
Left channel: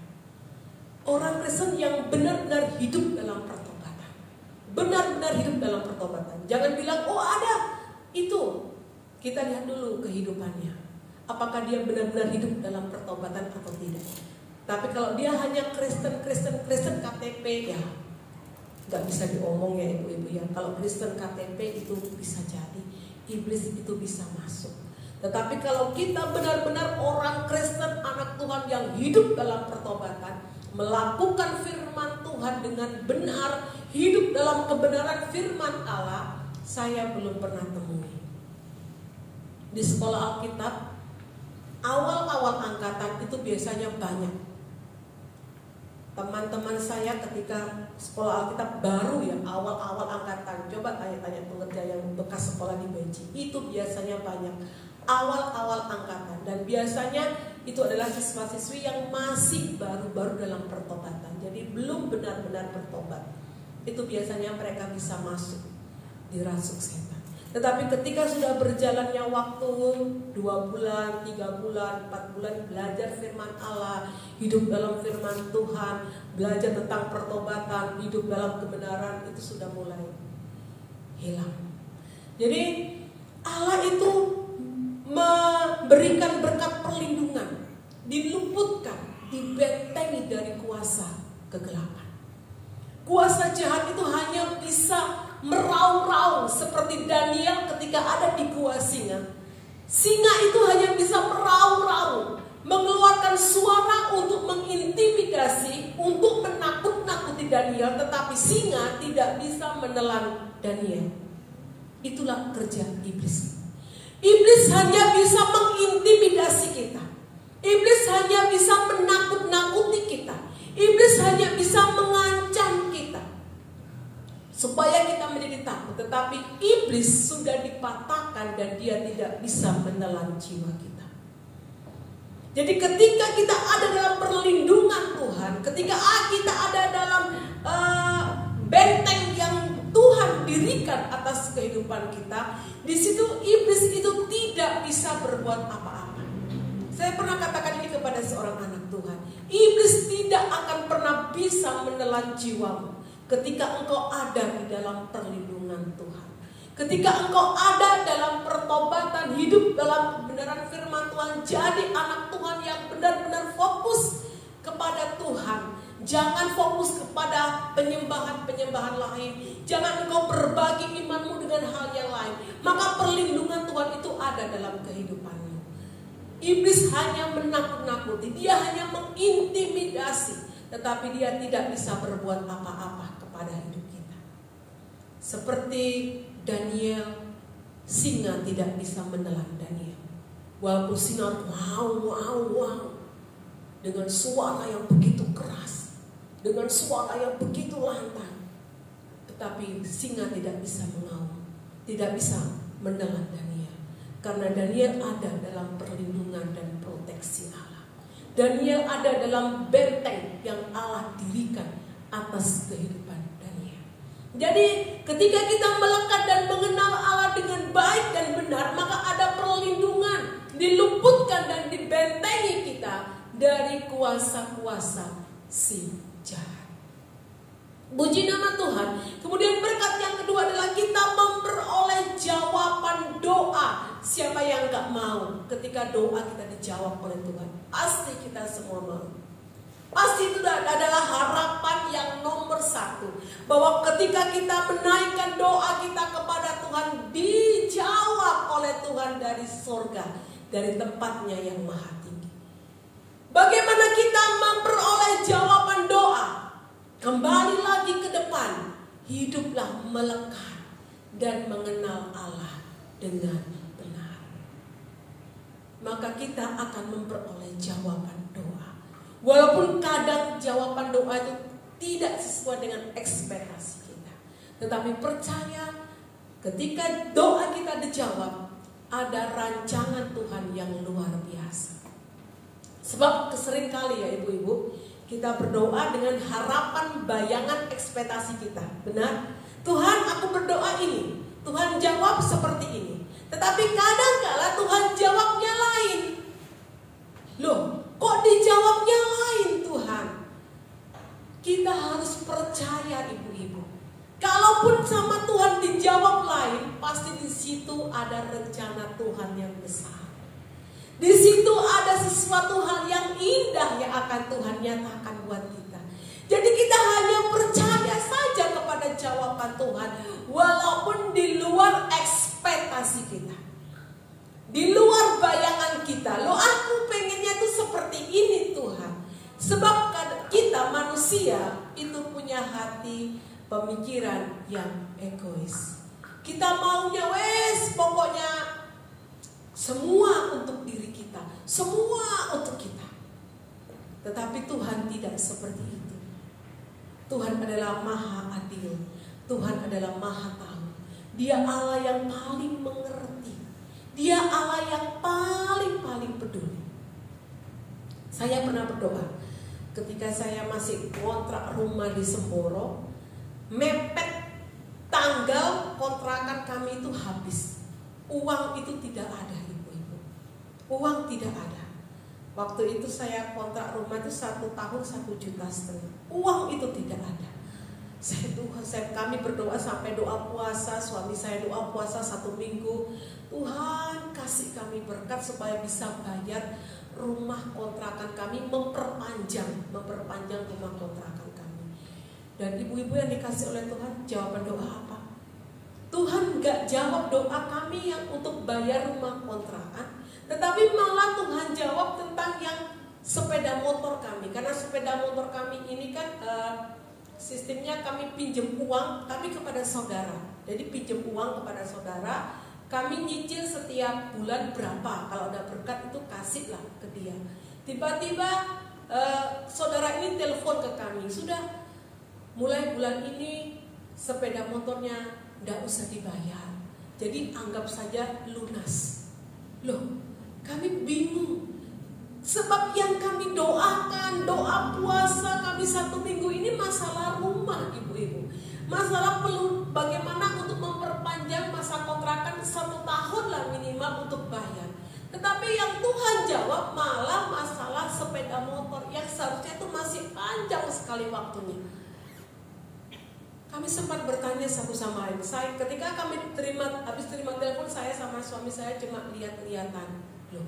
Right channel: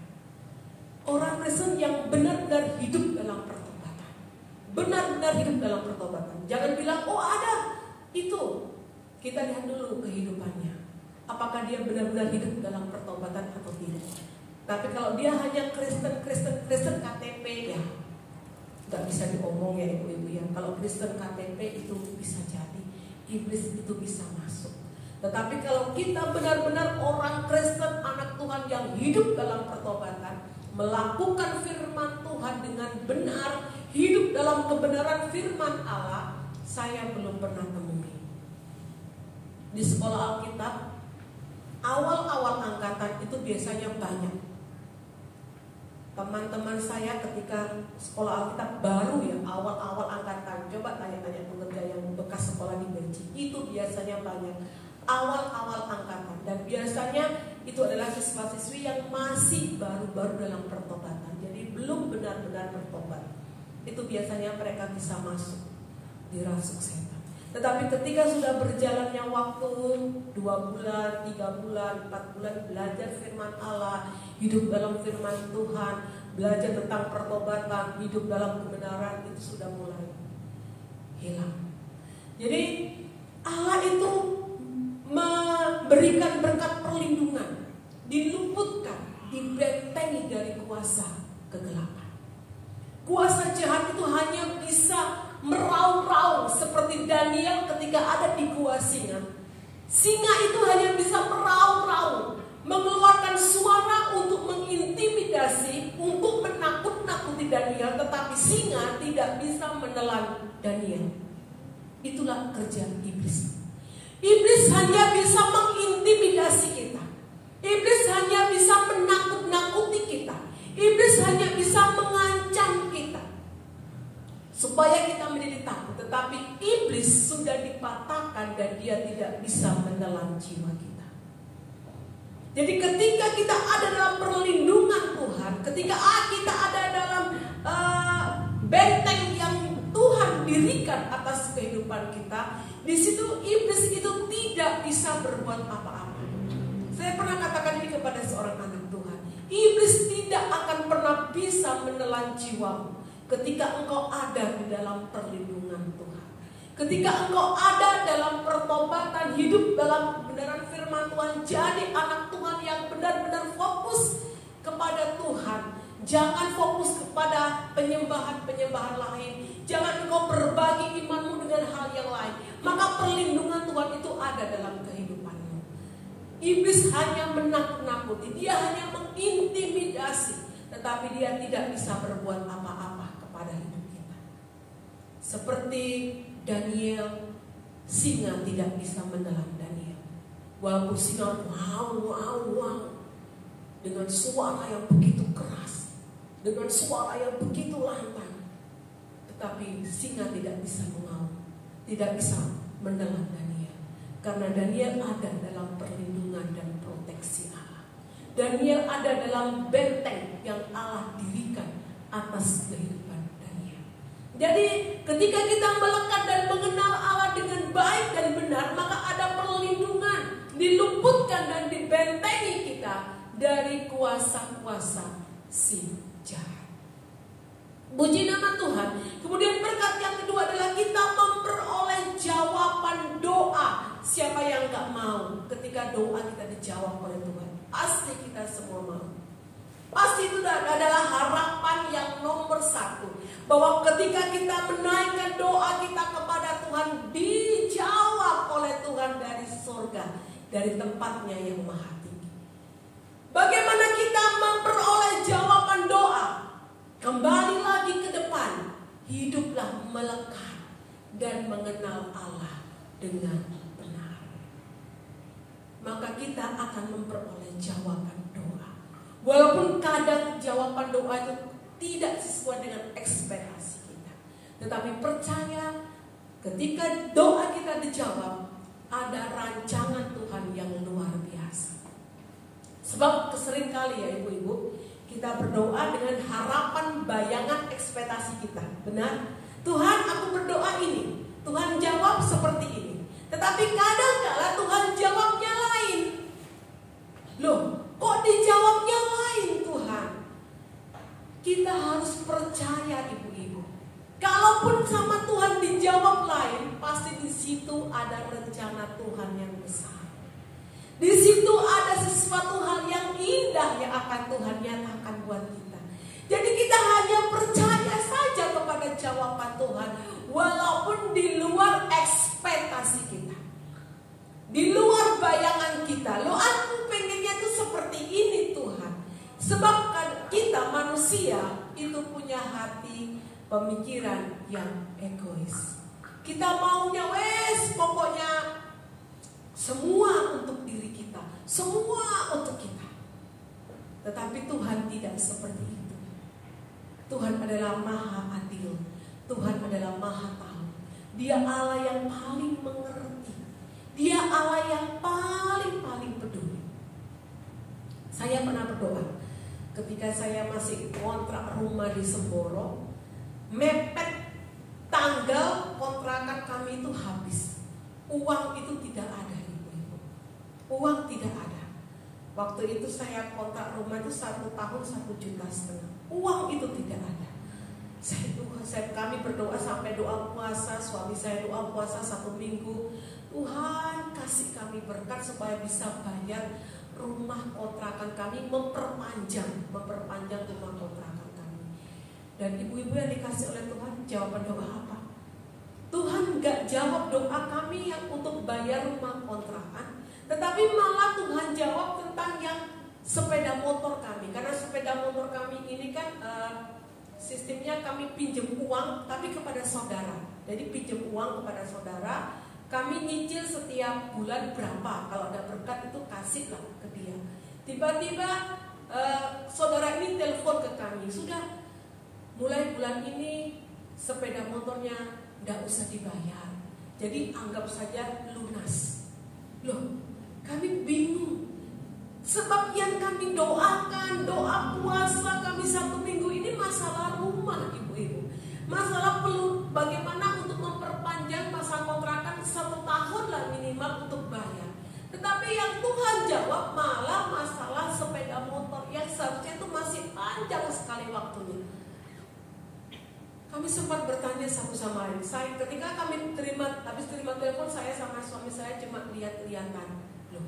Orang Kristen yang benar-benar hidup dalam pertobatan, benar-benar hidup dalam pertobatan. Jangan bilang, oh ada itu. Kita lihat dulu kehidupannya, apakah dia benar-benar hidup dalam pertobatan atau tidak. Tapi kalau dia hanya Kristen KTP, ya nggak bisa diomong ya ibu-ibu ya. Kalau Kristen KTP itu bisa jadi iblis itu bisa masuk. Tetapi kalau kita benar-benar orang Kristen, anak Tuhan yang hidup dalam pertobatan, melakukan firman Tuhan dengan benar, hidup dalam kebenaran firman Allah, saya belum pernah temui. Di sekolah Alkitab, awal-awal angkatan itu biasanya banyak. Teman-teman saya ketika sekolah Alkitab baru ya, awal-awal angkatan, coba tanya-tanya pengerja yang bekas sekolah di Benci, itu biasanya banyak. Awal-awal angkatan, dan biasanya itu adalah siswa-siswi yang masih baru-baru dalam pertobatan, jadi belum benar-benar bertobat. Itu biasanya mereka bisa masuk dirasuk setan. Tetapi ketika sudah berjalannya waktu 2 bulan, 3 bulan, 4 bulan belajar firman Allah, hidup dalam firman Tuhan, belajar tentang pertobatan, hidup dalam kebenaran, itu sudah mulai hilang. Jadi Allah itu memberikan berkat perlindungan, diluputkan, dibentengi dari kuasa kegelapan. Kuasa jahat itu hanya bisa meraung-raung seperti Daniel ketika ada di gua singa. Singa itu hanya bisa meraung-raung, mengeluarkan suara untuk mengintimidasi, untuk menakut-nakuti Daniel, tetapi singa tidak bisa menelan Daniel. Itulah kerja iblis. Iblis hanya bisa mengintimidasi kita. Iblis hanya bisa menakut-nakuti kita. Iblis hanya bisa mengancam kita supaya kita menjadi takut. Tetapi iblis sudah dipatahkan dan dia tidak bisa menelan jiwa kita. Jadi ketika kita ada dalam perlindungan Tuhan, ketika kita ada dalam benteng yang Tuhan dirikan atas kehidupan kita, di situ iblis itu tidak bisa berbuat apa-apa. Saya pernah katakan ini kepada seorang anak Tuhan, iblis tidak akan pernah bisa menelan jiwamu ketika engkau ada di dalam perlindungan Tuhan. Ketika engkau ada dalam pertobatan, hidup dalam kebenaran firman Tuhan, jadi anak Tuhan yang benar-benar fokus kepada Tuhan. Jangan fokus kepada penyembahan-penyembahan lain. Jangan engkau berbagi imanmu dengan hal yang lain. Maka perlindungan Tuhan itu ada dalam kehidupanmu. Iblis hanya menakut-nakuti, dia hanya mengintimidasi, tetapi dia tidak bisa berbuat apa-apa kepada hidup kita. Seperti Daniel, singa tidak bisa menelan Daniel. Walaupun singa wow dengan suara yang begitu keras, dengan suara yang begitu lantang, tetapi singa tidak bisa mengaum, tidak bisa menelan Daniel, karena Daniel ada dalam perlindungan dan proteksi Allah. Daniel ada dalam benteng yang Allah dirikan atas kehidupan Daniel. Jadi ketika kita melekat dan mengenal Allah dengan baik dan benar, maka ada perlindungan, diluputkan dan dibentengi kita dari kuasa-kuasa si jahat. Puji nama Tuhan. Kemudian berkat yang kedua adalah kita memperoleh jawaban doa. Siapa yang gak mau ketika doa kita dijawab oleh Tuhan? Pasti kita semua mau. Pasti itu adalah harapan yang nomor satu, bahwa ketika kita menaikkan doa kita kepada Tuhan, dijawab oleh Tuhan dari surga, dari tempatnya yang maha tinggi. Bagaimana kita memperoleh jawaban doa? Kembali lagi ke depan, hiduplah melekat dan mengenal Allah dengan benar. Maka kita akan memperoleh jawaban doa. Walaupun kadang jawaban doa itu tidak sesuai dengan ekspektasi kita, tetapi percaya ketika doa kita dijawab, ada rancangan Tuhan yang luar biasa. Sebab seringkali ya ibu-ibu, kita berdoa dengan harapan, bayangan, ekspektasi kita. Benar? Tuhan, aku berdoa ini, Tuhan jawab seperti ini. Tetapi kadang-kala Tuhan jawabnya lain. Loh, kok dijawabnya lain Tuhan? Kita harus percaya ibu-ibu. Kalaupun sama Tuhan dijawab lain, pasti di situ ada rencana Tuhan yang besar. Di situ ada sesuatu hal yang indah yang akan Tuhan nyatakan buat kita. Jadi kita hanya percaya saja kepada jawaban Tuhan, walaupun di luar ekspektasi kita, di luar bayangan kita. Loh, aku pengennya tuh seperti ini Tuhan. Sebab kita manusia itu punya hati pemikiran yang egois. Kita maunya pokoknya semua untuk diri kita, semua untuk kita. Tetapi Tuhan tidak seperti itu. Tuhan adalah maha adil. Tuhan adalah maha tahu. Dia Allah yang paling mengerti. Dia Allah yang paling peduli. Saya pernah berdoa ketika saya masih kontrak rumah di Semboro, mepet tanggal kontrakan kami itu habis. Uang itu tidak ada, ibu-ibu. Uang tidak ada. Waktu itu saya kontrak rumah itu 1 tahun 1,5 juta. Uang itu tidak ada. Kami berdoa sampai doa puasa. Suami saya doa puasa 1 minggu. Tuhan kasih kami berkat supaya bisa bayar rumah kontrakan kami, memperpanjang rumah kontrakan kami. Dan ibu-ibu yang dikasih oleh Tuhan, jawaban doa apa? Tuhan gak jawab doa kami yang untuk bayar rumah kontrakan, tetapi malah Tuhan jawab tentang yang sepeda motor kami. Karena sepeda motor kami ini kan sistemnya kami pinjam uang tapi kepada saudara. Jadi pinjam uang kepada saudara, kami nyicil setiap bulan berapa. Kalau ada berkat itu kasihlah ke dia. Tiba-tiba saudara ini telepon ke kami, sudah mulai bulan ini sepeda motornya tidak usah dibayar, jadi anggap saja lunas. Loh, kami bingung. Sebab yang kami doakan, doa puasa kami 1 minggu ini masalah rumah, ibu-ibu. Masalah perlu bagaimana untuk memperpanjang masa kontrakan 1 tahun lah minimal untuk bayar. Tetapi yang Tuhan jawab malah masalah sepeda motor yang seharusnya itu masih panjang sekali waktunya. Kami sempat bertanya satu sama lain. Ketika kami habis terima telepon, saya sama suami saya cuma lihat-lihatan. Loh,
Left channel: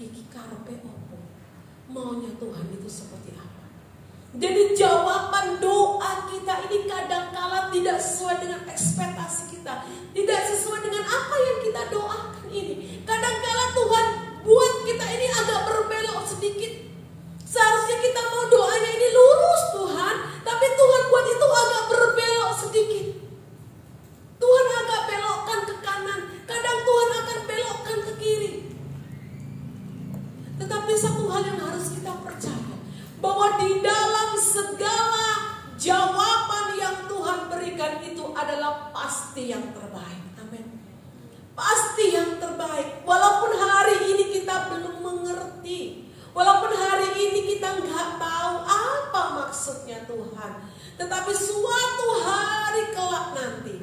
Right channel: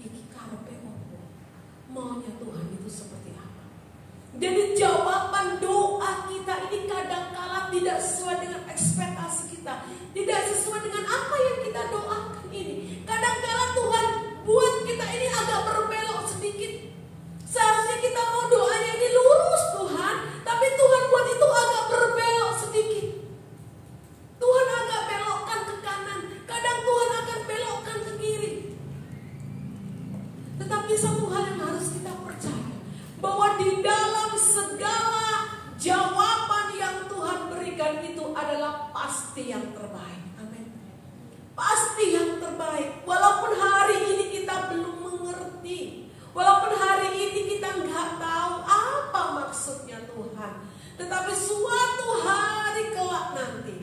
iki karepe opo? Maunya Tuhan itu seperti apa? Jadi jawaban doa kita ini kadang-kala tidak sesuai dengan ekspektasi kita, tidak sesuai dengan apa yang kita doakan ini. Kadang-kala Tuhan buat kita ini agak berbelok sedikit. Seharusnya kita mau doanya ini lurus Tuhan, tapi Tuhan buat itu agak berbelok sedikit. Tuhan agak belokkan ke kanan, kadang Tuhan akan belokkan ke kiri. Tetapi satu hal yang harus kita percaya, bahwa di dalam segala jawaban yang Tuhan berikan itu adalah pasti yang terbaik. Amin. Pasti yang terbaik. Walaupun hari ini kita belum mengerti, walaupun hari ini kita nggak tahu apa maksudnya Tuhan, tetapi suatu hari kelak nanti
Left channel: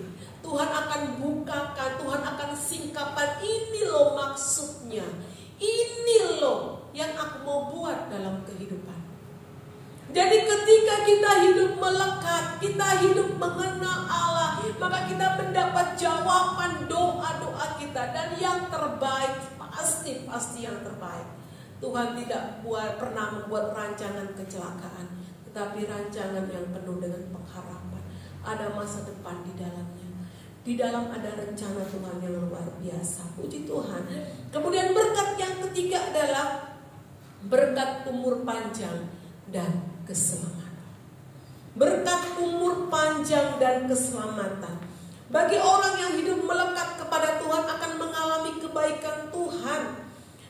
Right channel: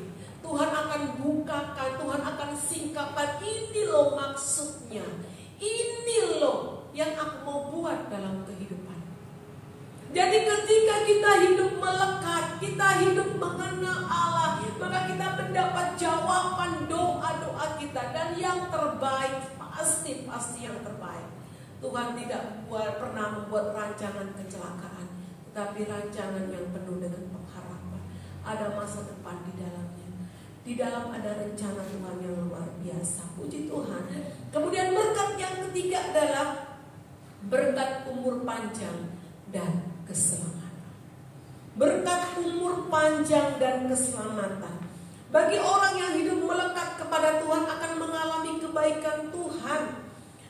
Tuhan akan bukakan, Tuhan akan singkapkan, ini loh maksudnya, ini loh yang aku mau buat dalam kehidupan. Jadi ketika kita hidup melekat, kita hidup mengenal Allah, maka kita mendapat jawaban doa-doa kita, dan yang terbaik pasti yang terbaik. Tuhan tidak pernah membuat rancangan kecelakaan, tetapi rancangan yang penuh dengan pengharapan. Ada masa depan di dalamnya. Di dalam ada rencana Tuhan yang luar biasa. Puji Tuhan. Kemudian berkat yang ketiga adalah berkat umur panjang dan keselamatan. Berkat umur panjang dan keselamatan. Bagi orang yang hidup melekat kepada Tuhan akan mengalami kebaikan Tuhan.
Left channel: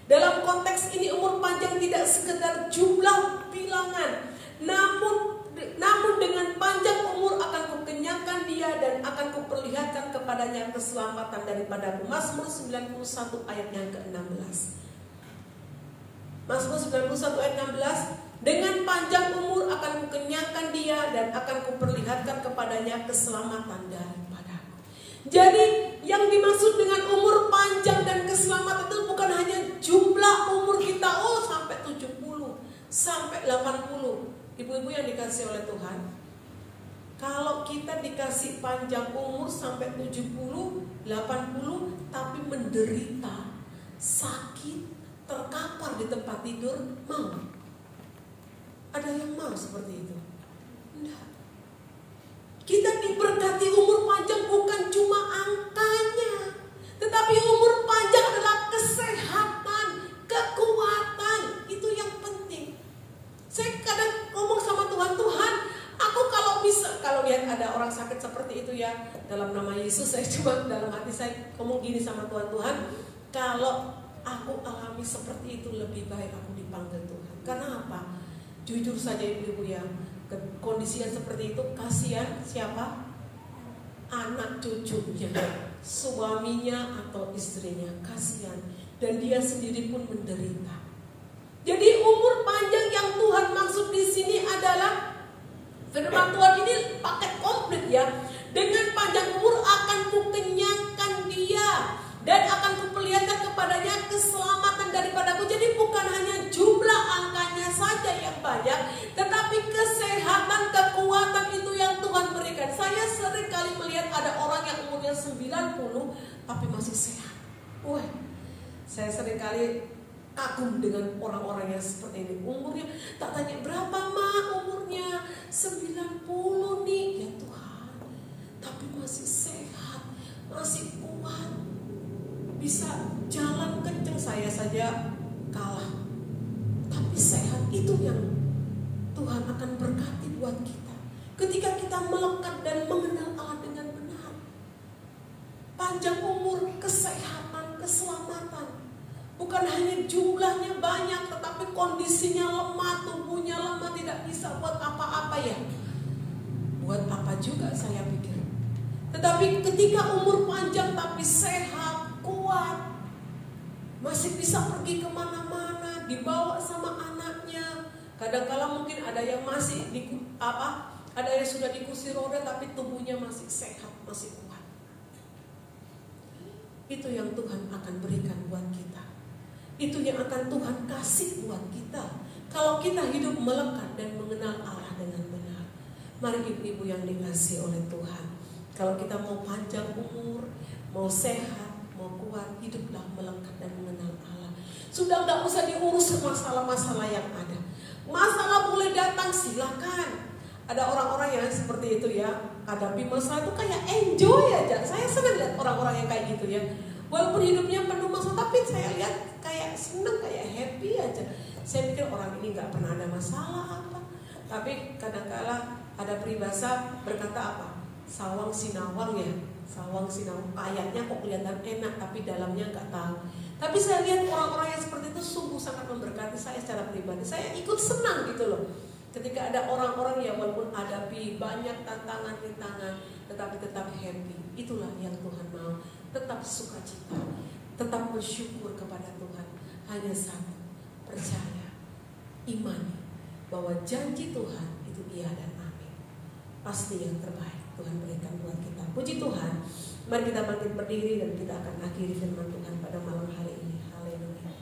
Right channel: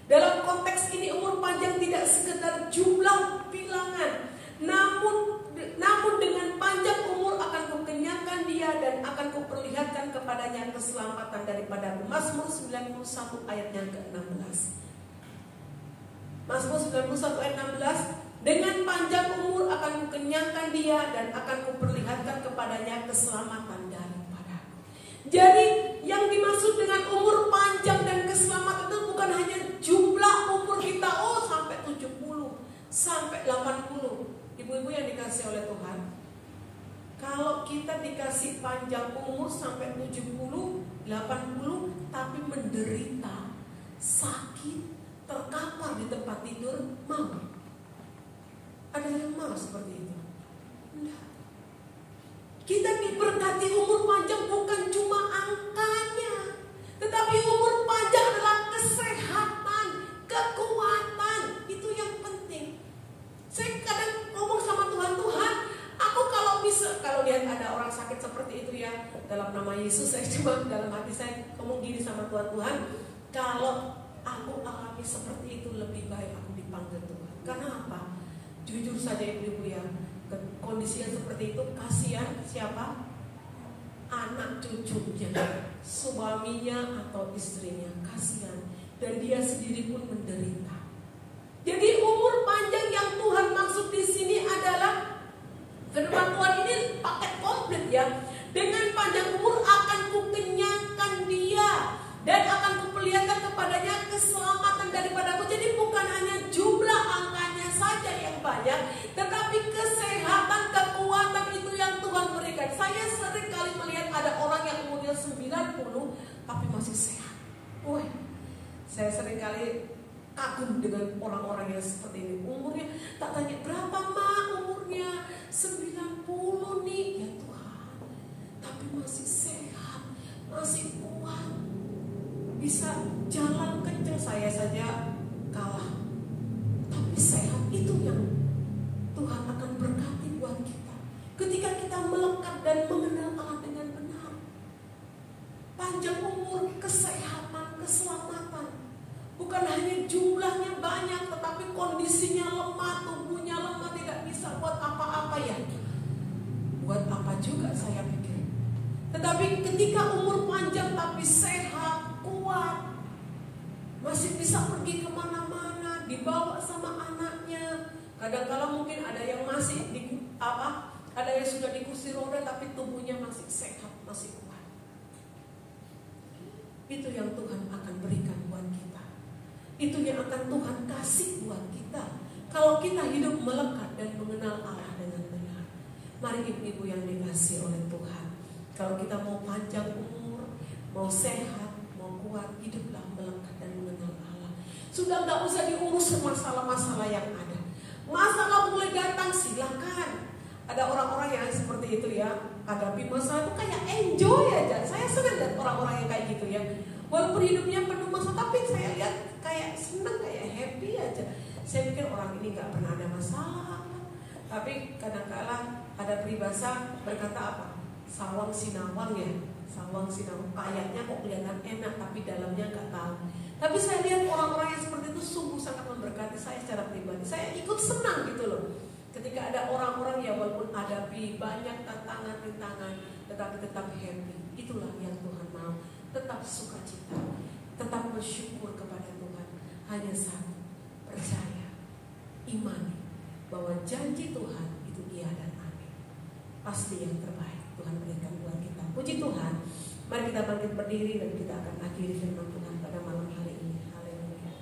Dalam konteks ini umur panjang tidak sekedar jumlah bilangan, namun dengan panjang umur akan kukenyangkan dia dan akan kuperlihatkan kepadanya keselamatan daripada Mazmur 91 ayat yang ke-16. Mazmur 91 ayat 16, dengan panjang umur akan kukenyangkan dia dan akan kuperlihatkan kepadanya keselamatan daripadaku. Jadi yang dimaksud dengan umur panjang dan keselamatan itu bukan hanya jumlah umur kita, sampai 70, sampai 80. Ibu-ibu yang dikasih oleh Tuhan, kalau kita dikasih panjang umur sampai 70, 80, tapi menderita, sakit, terkapar di tempat tidur, mau? Ada yang mau seperti itu? Enggak. Kita diberkati umur panjang bukan cuma angkanya, tetapi umur panjang adalah kesehatan. kalau lihat ada orang sakit seperti itu ya, dalam nama Yesus saya cuma dalam hati saya ngomong gini sama Tuhan, kalau aku alami seperti itu lebih baik aku dipanggil Tuhan. Karena apa? Jujur saja ibu-ibu ya, kondisi yang seperti itu kasihan siapa? Anak cucunya, suaminya atau istrinya, kasihan. Dan dia sendiri pun menderita. Jadi umur panjang yang Tuhan maksud di sini adalah firman Tuhan ini pakai komplit ya. Dengan panjang umur akan kukenyangkan dia dan akan kuperlihatkan kepadanya keselamatan daripadaku. Jadi bukan hanya jumlah angkanya saja yang banyak, tetapi kesehatan, kekuatan itu yang Tuhan berikan. Saya sering kali melihat ada orang yang umurnya 90 tapi masih sehat. Wah, saya sering kali kagum dengan orang-orang yang seperti ini. Umurnya tak tanya berapa mah umurnya, 90 nih ya Tuhan, tapi masih sehat, masih kuat, bisa jalan kencang. Saya saja kalah, tapi sehat. Itu yang Tuhan akan berkati buat kita ketika kita melekat dan mengenal Allah dengan benar. Panjang umur, kesehatan, keselamatan. Bukan hanya jumlahnya banyak, tetapi kondisinya lemah, tubuhnya lemah, tidak bisa buat apa-apa ya. Buat apa juga saya pikir. Tetapi ketika umur panjang tapi sehat, kuat, masih bisa pergi kemana-mana, dibawa sama anaknya. Kadang-kala mungkin ada yang masih ada yang sudah di kursi roda tapi tubuhnya masih sehat, masih kuat. Itu yang Tuhan akan berikan buat kita. Itu yang akan Tuhan kasih buat kita kalau kita hidup melekat dan mengenal Allah dengan benar. Mari ibu-ibu yang dikasihi oleh Tuhan, kalau kita mau panjang umur, mau sehat, mau kuat, hiduplah melekat dan mengenal Allah. Sudah gak usah diurus masalah-masalah yang ada. Masalah boleh datang, silakan. Ada orang-orang yang seperti itu ya, hadapi masalah itu kayak enjoy aja. Saya senang lihat orang-orang yang kayak gitu ya. Walaupun hidupnya penuh masalah, tapi saya lihat kayak senang, kayak happy aja. Saya pikir orang ini gak pernah ada masalah apa. Tapi kadang-kala ada peribahasa berkata apa? Sawang sinawang ya. Sawang sinawang, kayaknya kok kelihatan enak tapi dalamnya gak tahu. Tapi saya lihat orang-orang yang seperti itu sungguh sangat memberkati saya secara pribadi. Saya ikut senang gitu loh. Ketika ada orang-orang yang walaupun hadapi banyak tantangan-tantangan, tetapi tetap happy. Itulah yang Tuhan mau. Tetap sukacita, tetap bersyukur kepada Tuhan. Hanya satu, percaya, imani bahwa janji Tuhan itu iya dan amin. Pasti yang terbaik Tuhan berikan buat kita. Puji Tuhan. Mari kita bangkit berdiri dan kita akan akhiri firman Tuhan pada malam hari ini. Haleluya.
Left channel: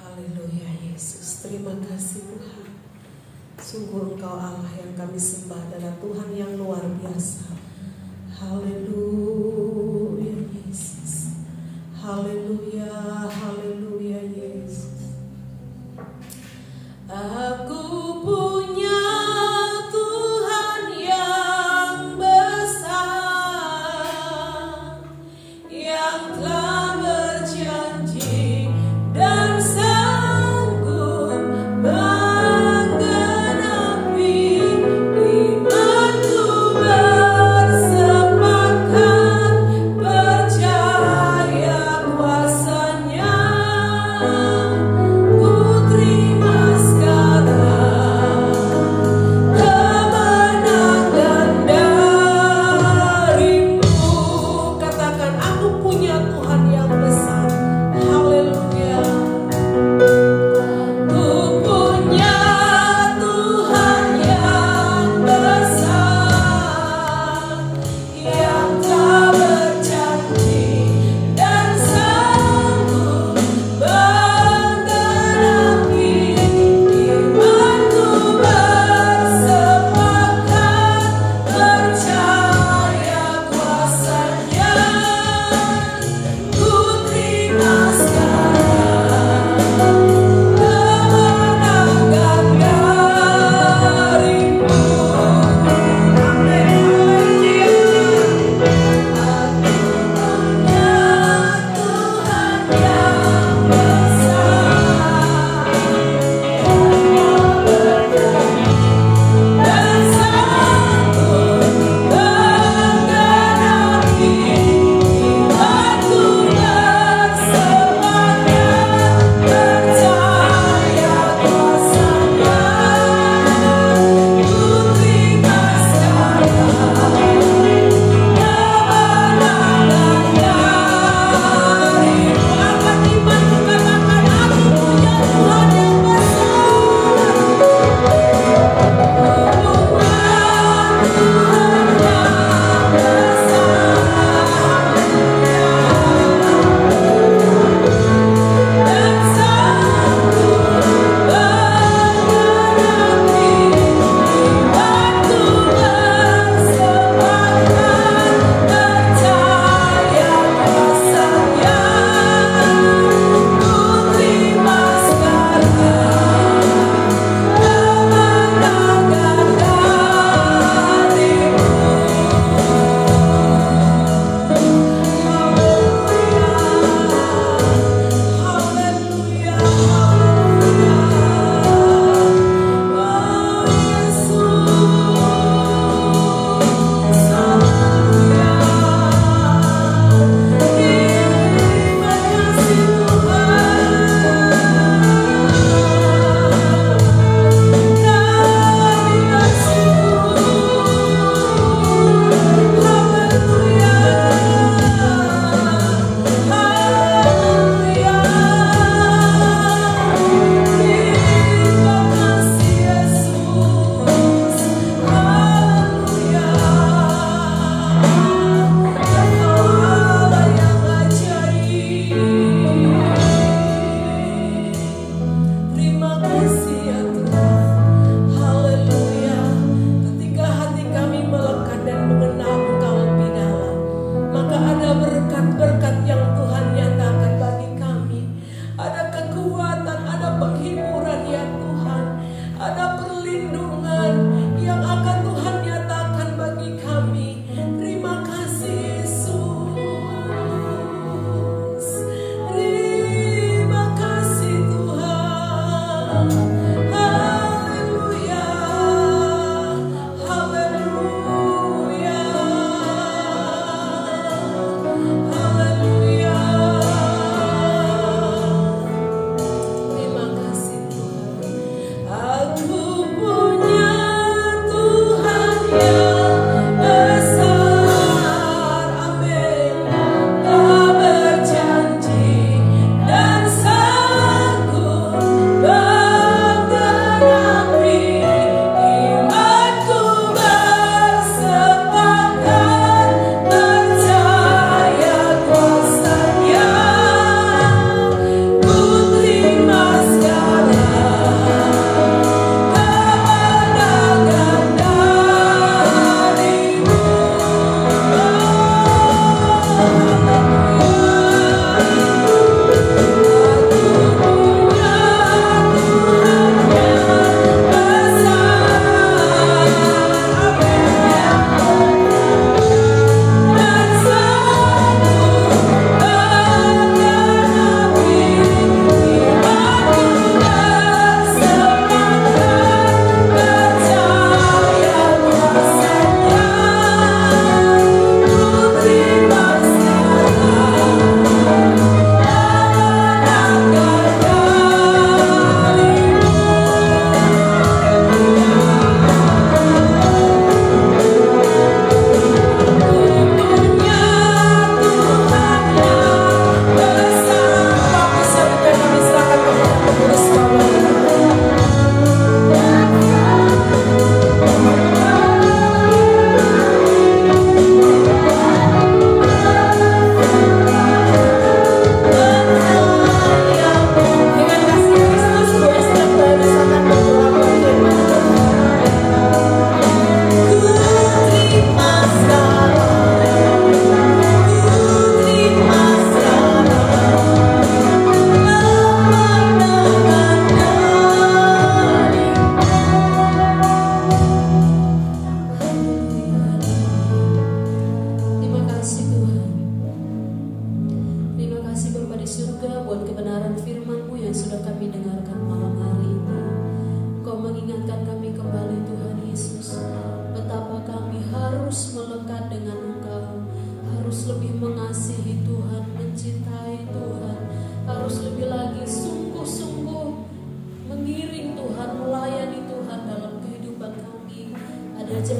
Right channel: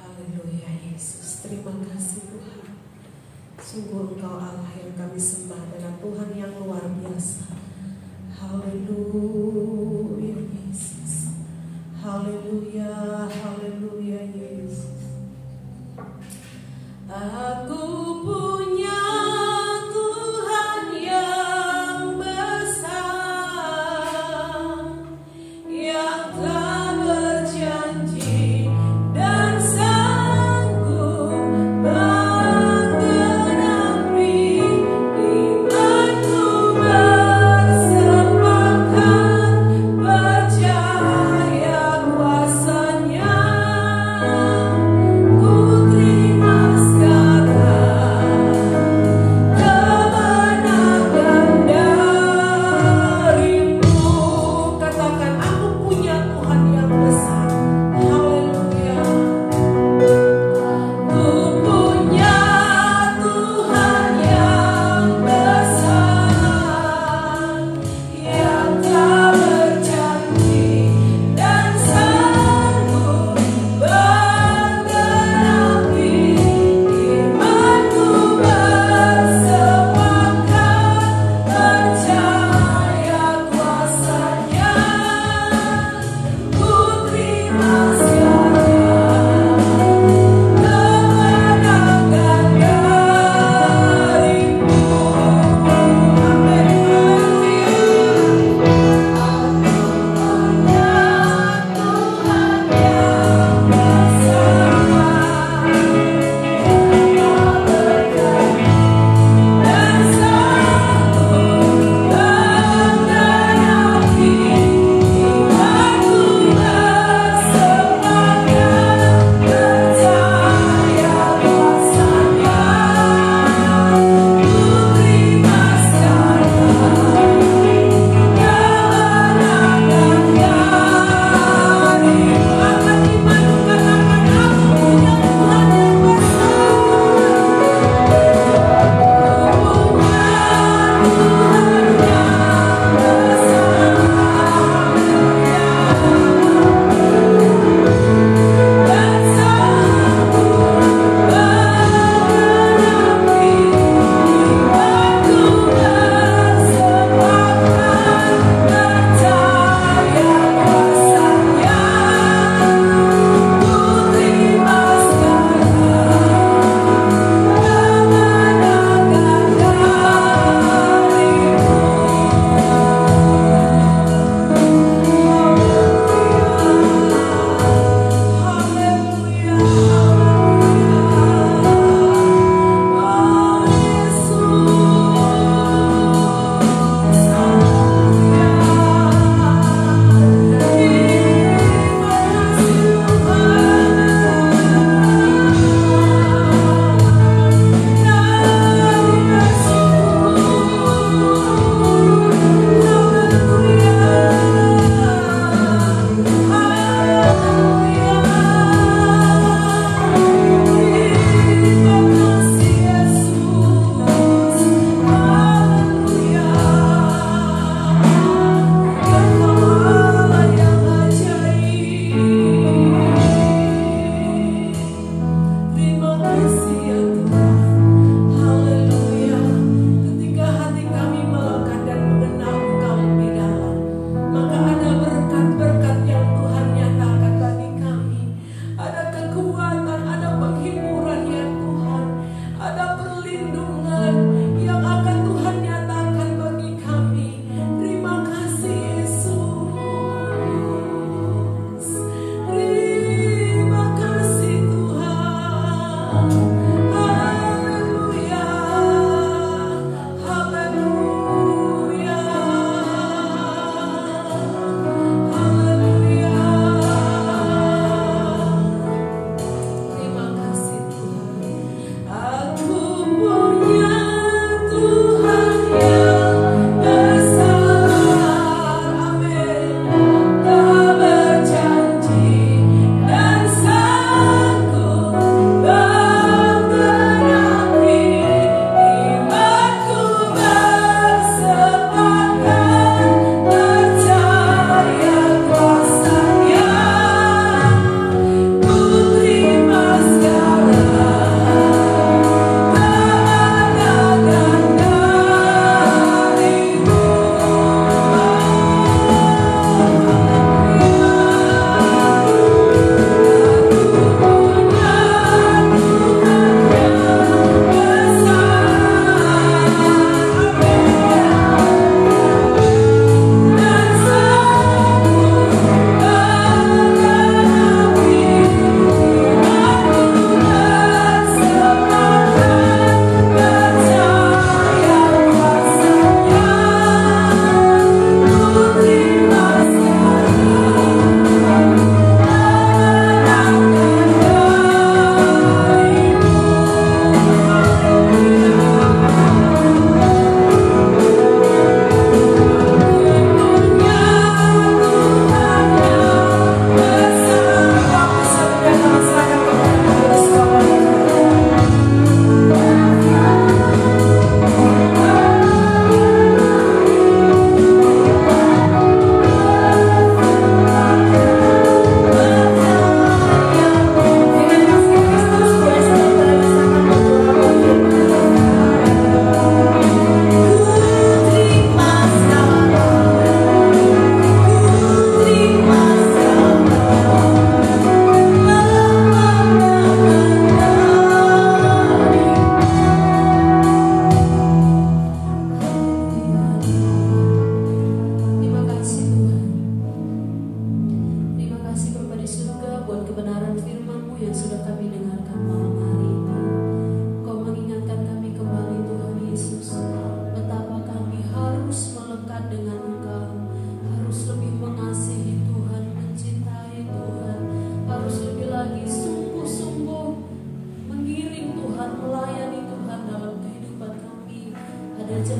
Haleluya Yesus. Terima kasih Tuhan. Sungguh Engkau Allah yang kami sembah adalah Tuhan yang luar biasa. Haleluya Yesus. Haleluya, haleluya Yesus. Aku punya Tuhan yang besar, yang telah berjanji dan sanggup menggenapi imanku bersepakat percaya kuasa-Nya.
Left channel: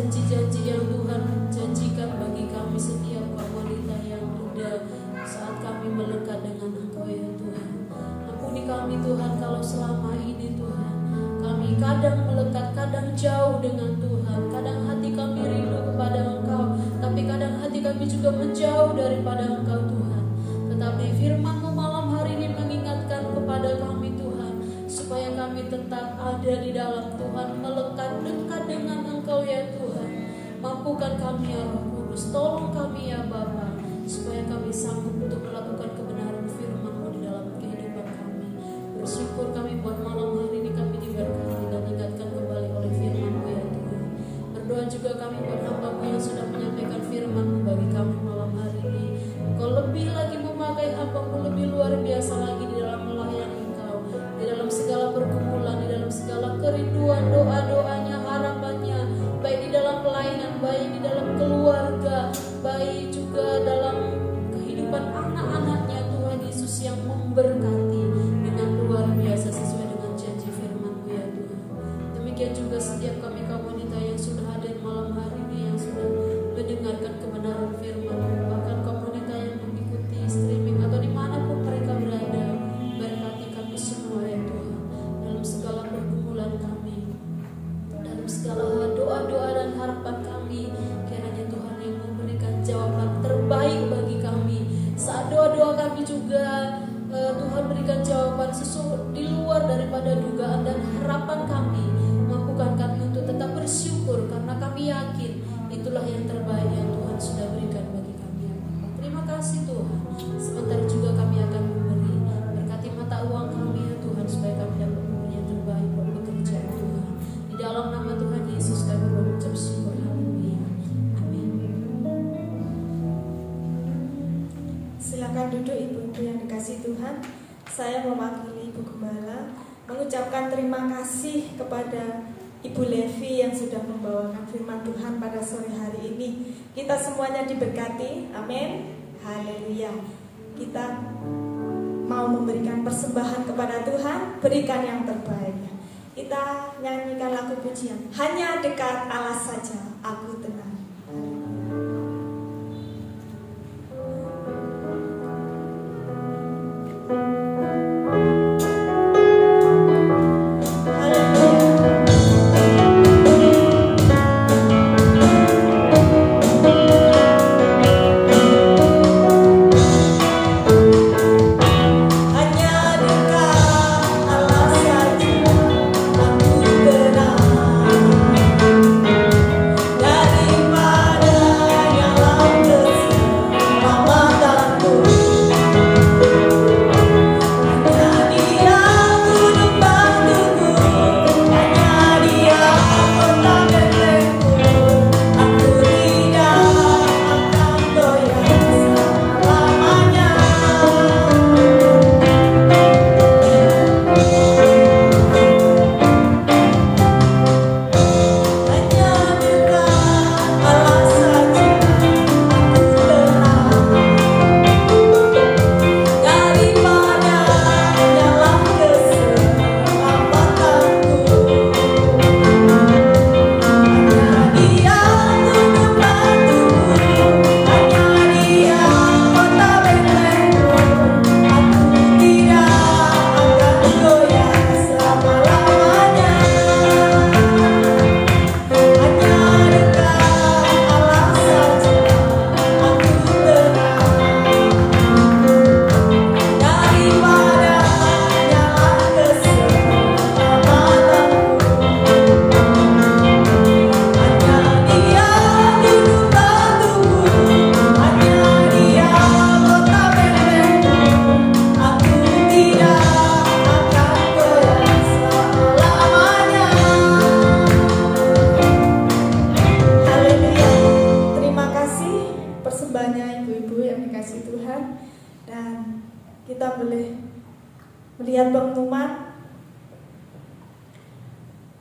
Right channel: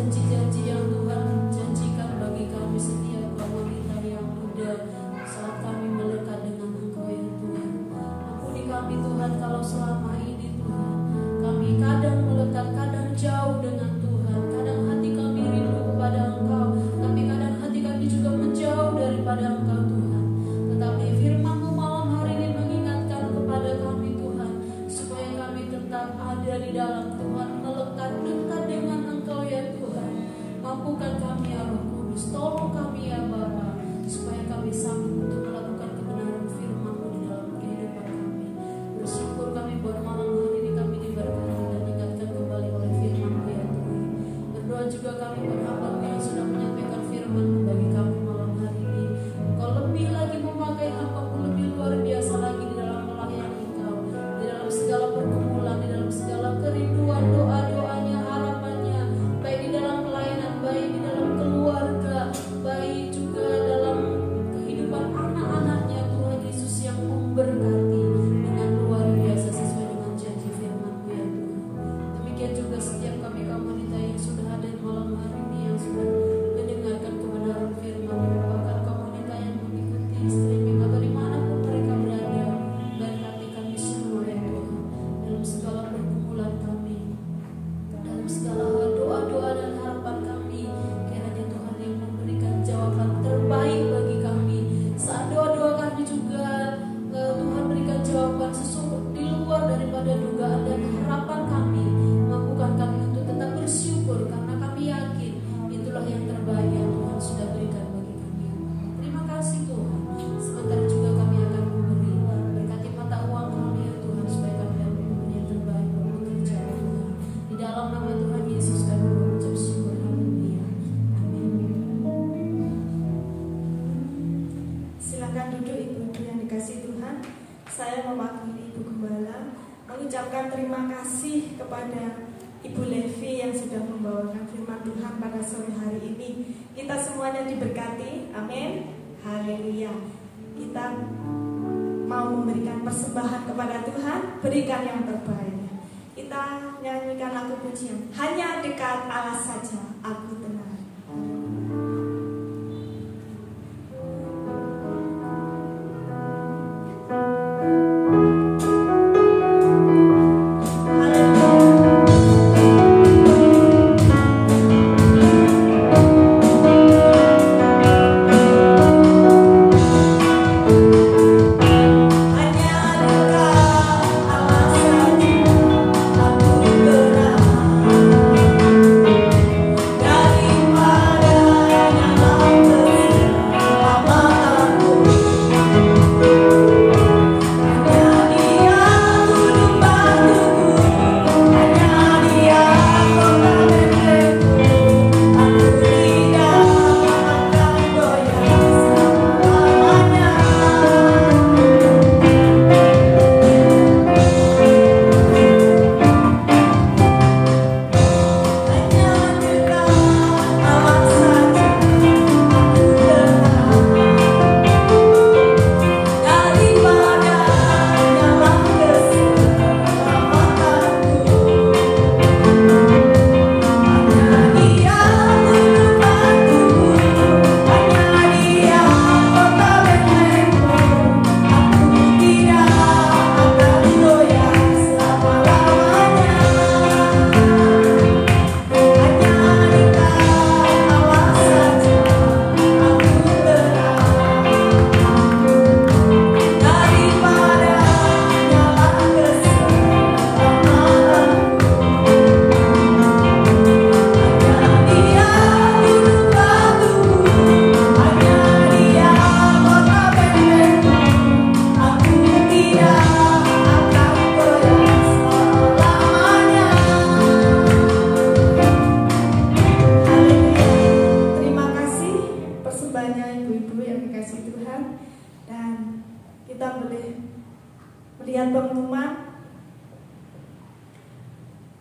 janji-janji yang Tuhan janjikan bagi kami setiap wanita yang muda saat kami melekat dengan Engkau ya Tuhan. Ampuni kami Tuhan kalau selama ini Tuhan kami kadang melekat, kadang jauh dengan Tuhan. Kadang hati kami rindu kepada Engkau, tapi kadang hati kami juga menjauh daripada Engkau Tuhan. Tetapi firman-Mu malam hari ini mengingatkan kepada kami Tuhan, supaya kami tetap ada di dalam Tuhan, melekat dekat dengan Engkau ya Tuhan. Mampukan kami ya Roh Kudus, tolong kami ya Bapa, supaya kami sanggup untuk melakukan kebenaran firman-Mu di dalam kehidupan kami. Bersyukur kami buat malam hari ini kami diberkati dan diingatkan kembali oleh firman-Mu ya Tuhan. Berdoa juga kami buat hamba-Mu yang sudah menyampaikan firman-Mu bagi kami malam hari ini. Kau lebih lagi memakai hamba-Mu lebih luar biasa lagi di dalam melayani Engkau, di dalam segala pergumulan, di dalam segala kerinduan, doa-doanya, harapannya, baik di dalam pelayanan, baik di dalam keluarga, baik juga dalam kehidupan anak-anaknya Tuhan Yesus yang memberkati dengan luar biasa sesuai dengan janji firman-Mu ya Tuhan. Demikian juga setiap kami kaum wanita yang sudah hadir malam hari ini, yang sudah mendengarkan kebenaran firman-Mu, bahkan kaum wanita yang mengikuti streaming atau dimanapun mereka berada, berkati kami semua ya Tuhan, dalam segala pergumulan kami, dalam segala doa-doa dan harapan kami. Kiranya Tuhan yang memberikan jawaban terbaik bagi kami. Saat doa-doa kami juga Tuhan berikan jawaban sesuatu di luar daripada dugaan dan harapan kami. Mampukan kami untuk tetap bersyukur, karena kami yakin itulah yang terbaik yang Tuhan sudah berikan bagi kami. Terima kasih Tuhan. Sebentar juga kami akan memberi. Berkati mata uang kami ya Tuhan, supaya kami dapat memberi yang terbaik buat pekerjaan Tuhan. Di dalam nama Tuhan Yesus kami mengucap syukur. Haleluya. Amin. Silakan duduk ibu-ibu yang dikasih Tuhan. Saya mewakili Ibu Gembala mengucapkan terima kasih kepada Ibu Levi yang sudah membawakan firman Tuhan pada sore hari ini. Kita semuanya diberkati. Amin. Haleluya. Kita mau memberikan persembahan kepada Tuhan, berikan yang terbaik. Kita nyanyikan lagu pujian, hanya dekat Allah saja aku tenang.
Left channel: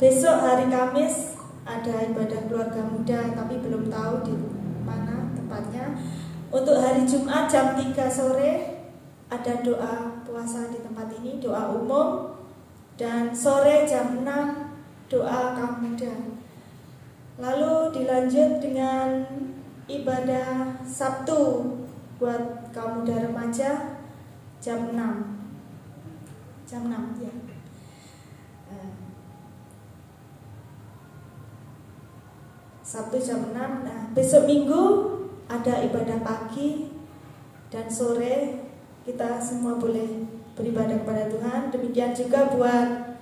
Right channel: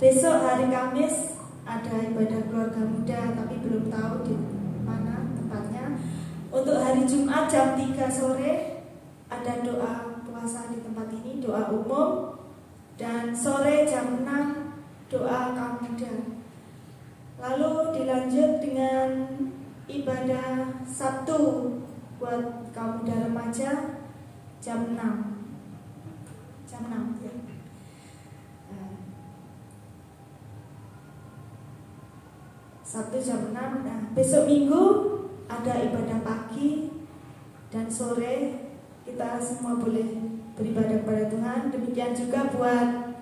Besok hari Kamis ada ibadah keluarga muda, tapi belum tahu di mana tempatnya. Untuk hari Jumat jam 3 sore ada doa puasa di tempat ini, doa umum. Dan sore jam 6 doa kaum muda. Lalu dilanjut dengan ibadah Sabtu buat kaum muda remaja jam 6 ya. Sabtu jam 6. Nah, besok Minggu ada ibadah pagi dan sore, kita semua boleh beribadah kepada Tuhan. Demikian juga buat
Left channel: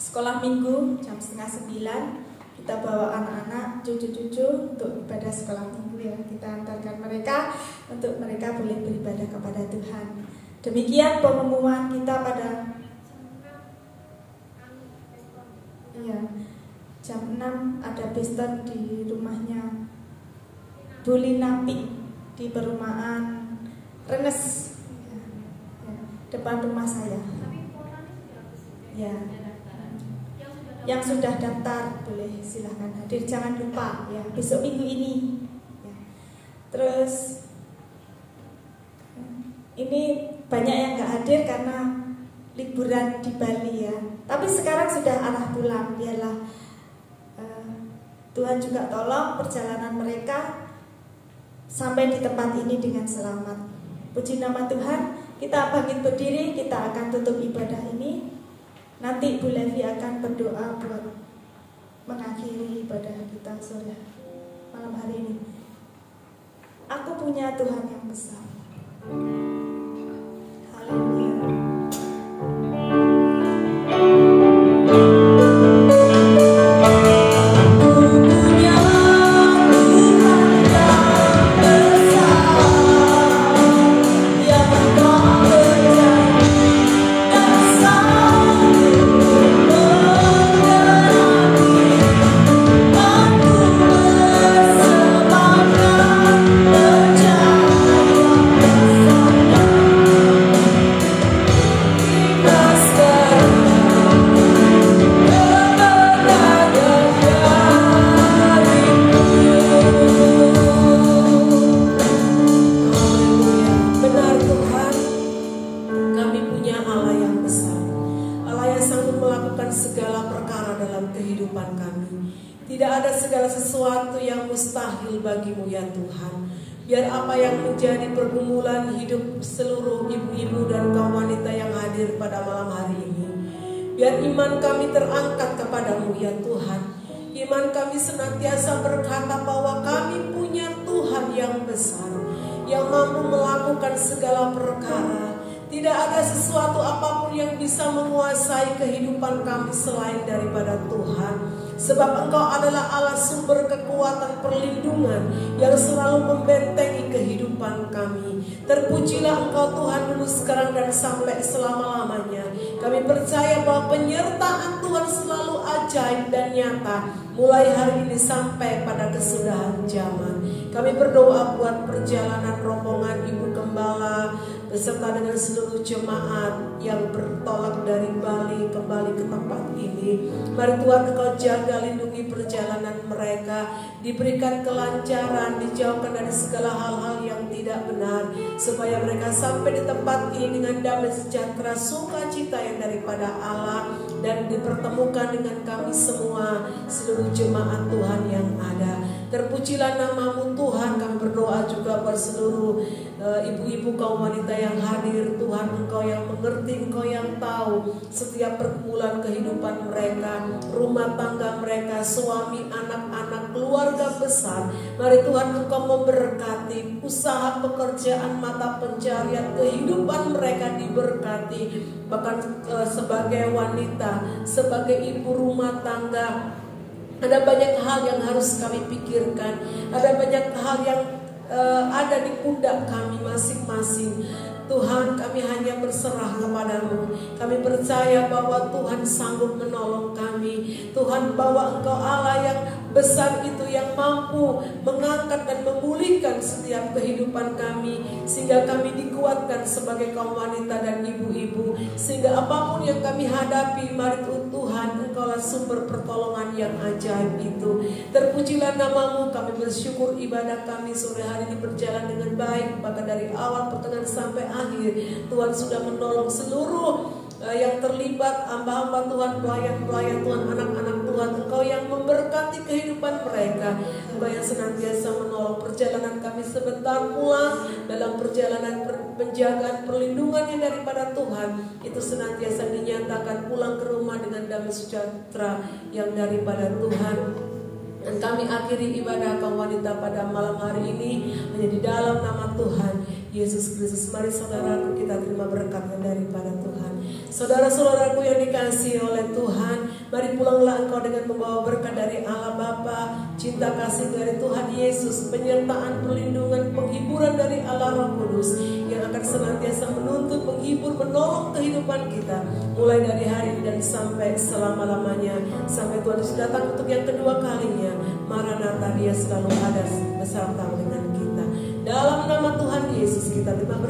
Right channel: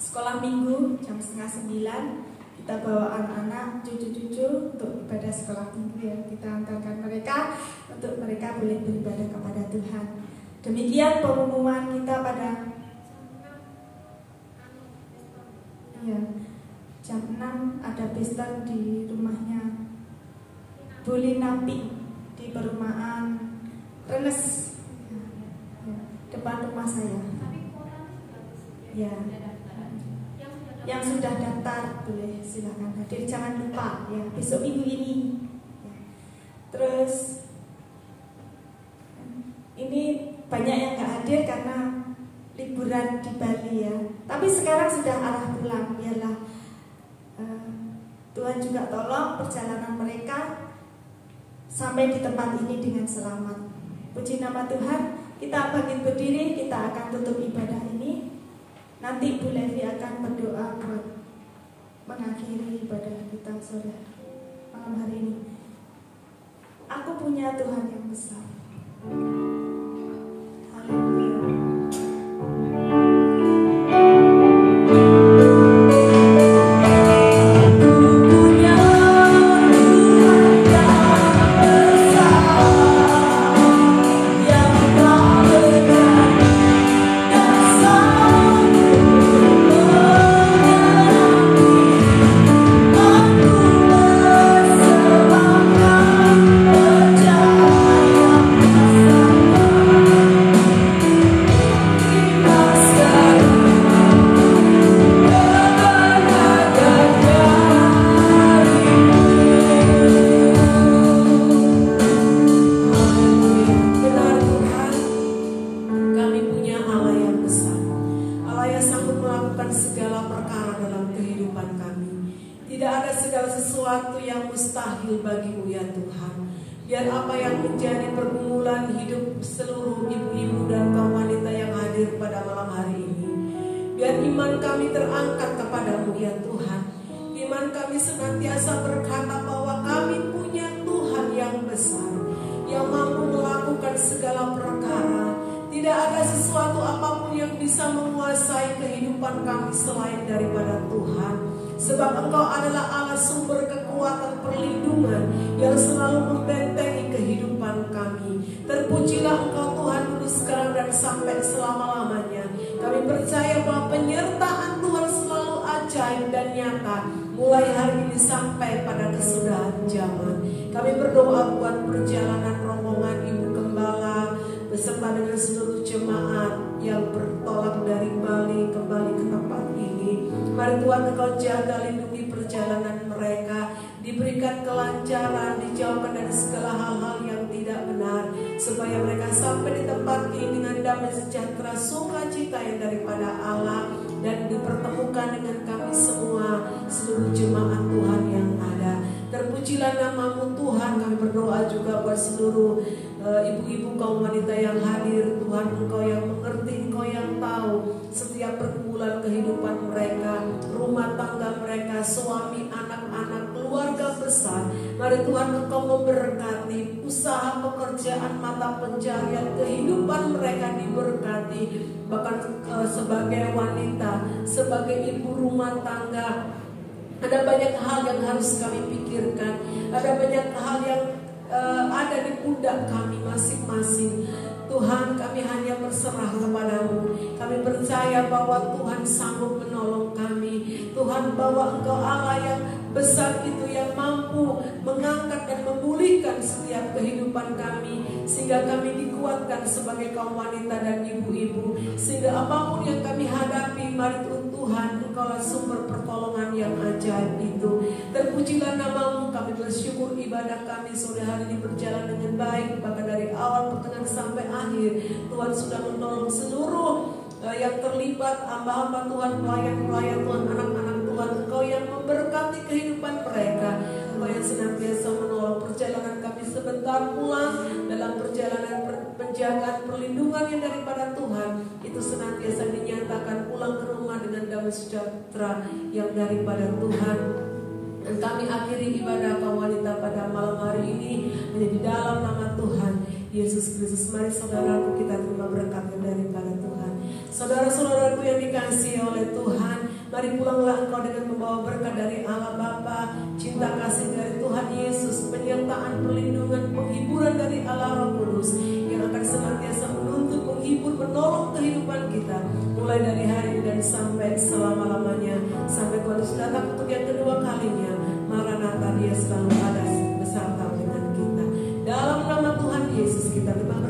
sekolah minggu jam 8:30 kita bawa anak-anak, cucu-cucu untuk ibadah sekolah minggu ya. Kita antarkan mereka untuk mereka boleh beribadah kepada Tuhan. Demikian pengumuman kita pada jam 6 ada pesta di rumahnya Bu Linapi di perumahan Rennes depan rumah saya. Ya. Yang sudah daftar boleh silakan hadir, jangan lupa ya besok minggu ini. Ya. Terus ini banyak yang nggak hadir karena liburan di Bali ya. Tapi sekarang sudah arah pulang, biarlah Tuhan juga tolong perjalanan mereka sampai di tempat ini dengan selamat. Puji nama Tuhan. Kita bangkit berdiri, kita akan tutup ibadah ini. Nanti Bu Levi akan berdoa buat mengakhiri ibadah kita sore malam hari ini. Aku punya Tuhan yang besar. Haleluya. Sebab Engkau adalah Allah sumber kekuatan perlindungan yang selalu membentengi kehidupan kami. Terpujilah Engkau Tuhan dulu, sekarang dan sampai selama-lamanya. Kami percaya bahwa penyertaan Tuhan selalu ajaib dan nyata, mulai hari ini sampai pada kesudahan zaman. Kami berdoa buat perjalanan rombongan Ibu Gembala beserta dengan seluruh jemaat yang bertolak dari Bali kembali ke tempat ini. Mari Tuhan Engkau jaga lindungi perjalanan mereka, diberikan kelancaran, dijauhkan dari segala hal-hal yang tidak benar, supaya mereka sampai di tempat ini dengan damai sejahtera, sukacita yang daripada Allah, dan dipertemukan dengan kami semua, seluruh jemaat Tuhan yang ada. Terpujilah nama-Mu Tuhan. Kami berdoa juga buat seluruh ibu-ibu kaum wanita yang hadir. Tuhan, Engkau yang mengerti, Engkau yang tahu setiap pergumulan kehidupan mereka, rumah tangga mereka, suami, anak-anak, keluarga besar. Mari Tuhan Engkau memberkati usaha pekerjaan, mata pencarian, kehidupan mereka diberkati. Bahkan sebagai wanita, sebagai ibu rumah tangga, ada banyak hal yang harus kami pikirkan. Ada banyak hal yang ada di pundak kami masing-masing. Tuhan, kami hanya berserah kepada-Mu. Kami percaya bahwa Tuhan sanggup menolong kami. Tuhan, bahwa Engkau Allah yang besar itu, yang mampu mengangkat dan memulihkan setiap kehidupan kami, sehingga kami dikuatkan sebagai kaum wanita dan ibu-ibu. Sehingga apapun yang kami hadapi, mari Tuhan, Engkau sumber pertolongan yang ajaib itu. Terpujilah nama-Mu. Kami bersyukur ibadah kami sore hari ini berjalan dengan baik, bahkan dari awal pertengahan sampai akhir. Tuhan sudah menolong seluruh yang terlibat, hamba-hamba Tuhan, pelayan-pelayan Tuhan, anak-anak Tuhan. Engkau Engkau yang memberkati kehidupan mereka. Engkau yang senantiasa menolong perjalanan kami sebentar pulang dalam perjalanan penjagaan perlindungan yang daripada Tuhan. Itu senantiasa dinyatakan pulang ke rumah dengan damai sejahtera yang daripada Tuhan. Dan kami akhiri ibadah kaum wanita pada malam hari ini hanya di dalam nama Tuhan Yesus Kristus. Mari saudaraku kita terima berkat daripada Tuhan. Saudara-saudaraku yang dikasihi oleh Tuhan, mari pulanglah engkau dengan membawa berkat dari Allah Bapa, cinta kasih dari Tuhan Yesus, penyertaan, perlindungan, penghiburan dari Allah Roh Kudus yang akan senantiasa menuntut, menghibur, menolong kehidupan kita mulai dari hari ini dan sampai selama-lamanya, sampai Tuhan Yesus datang untuk yang kedua kalinya. Maranatha, Dia selalu ada bersama dengan kita. Dalam nama Tuhan Yesus kita terima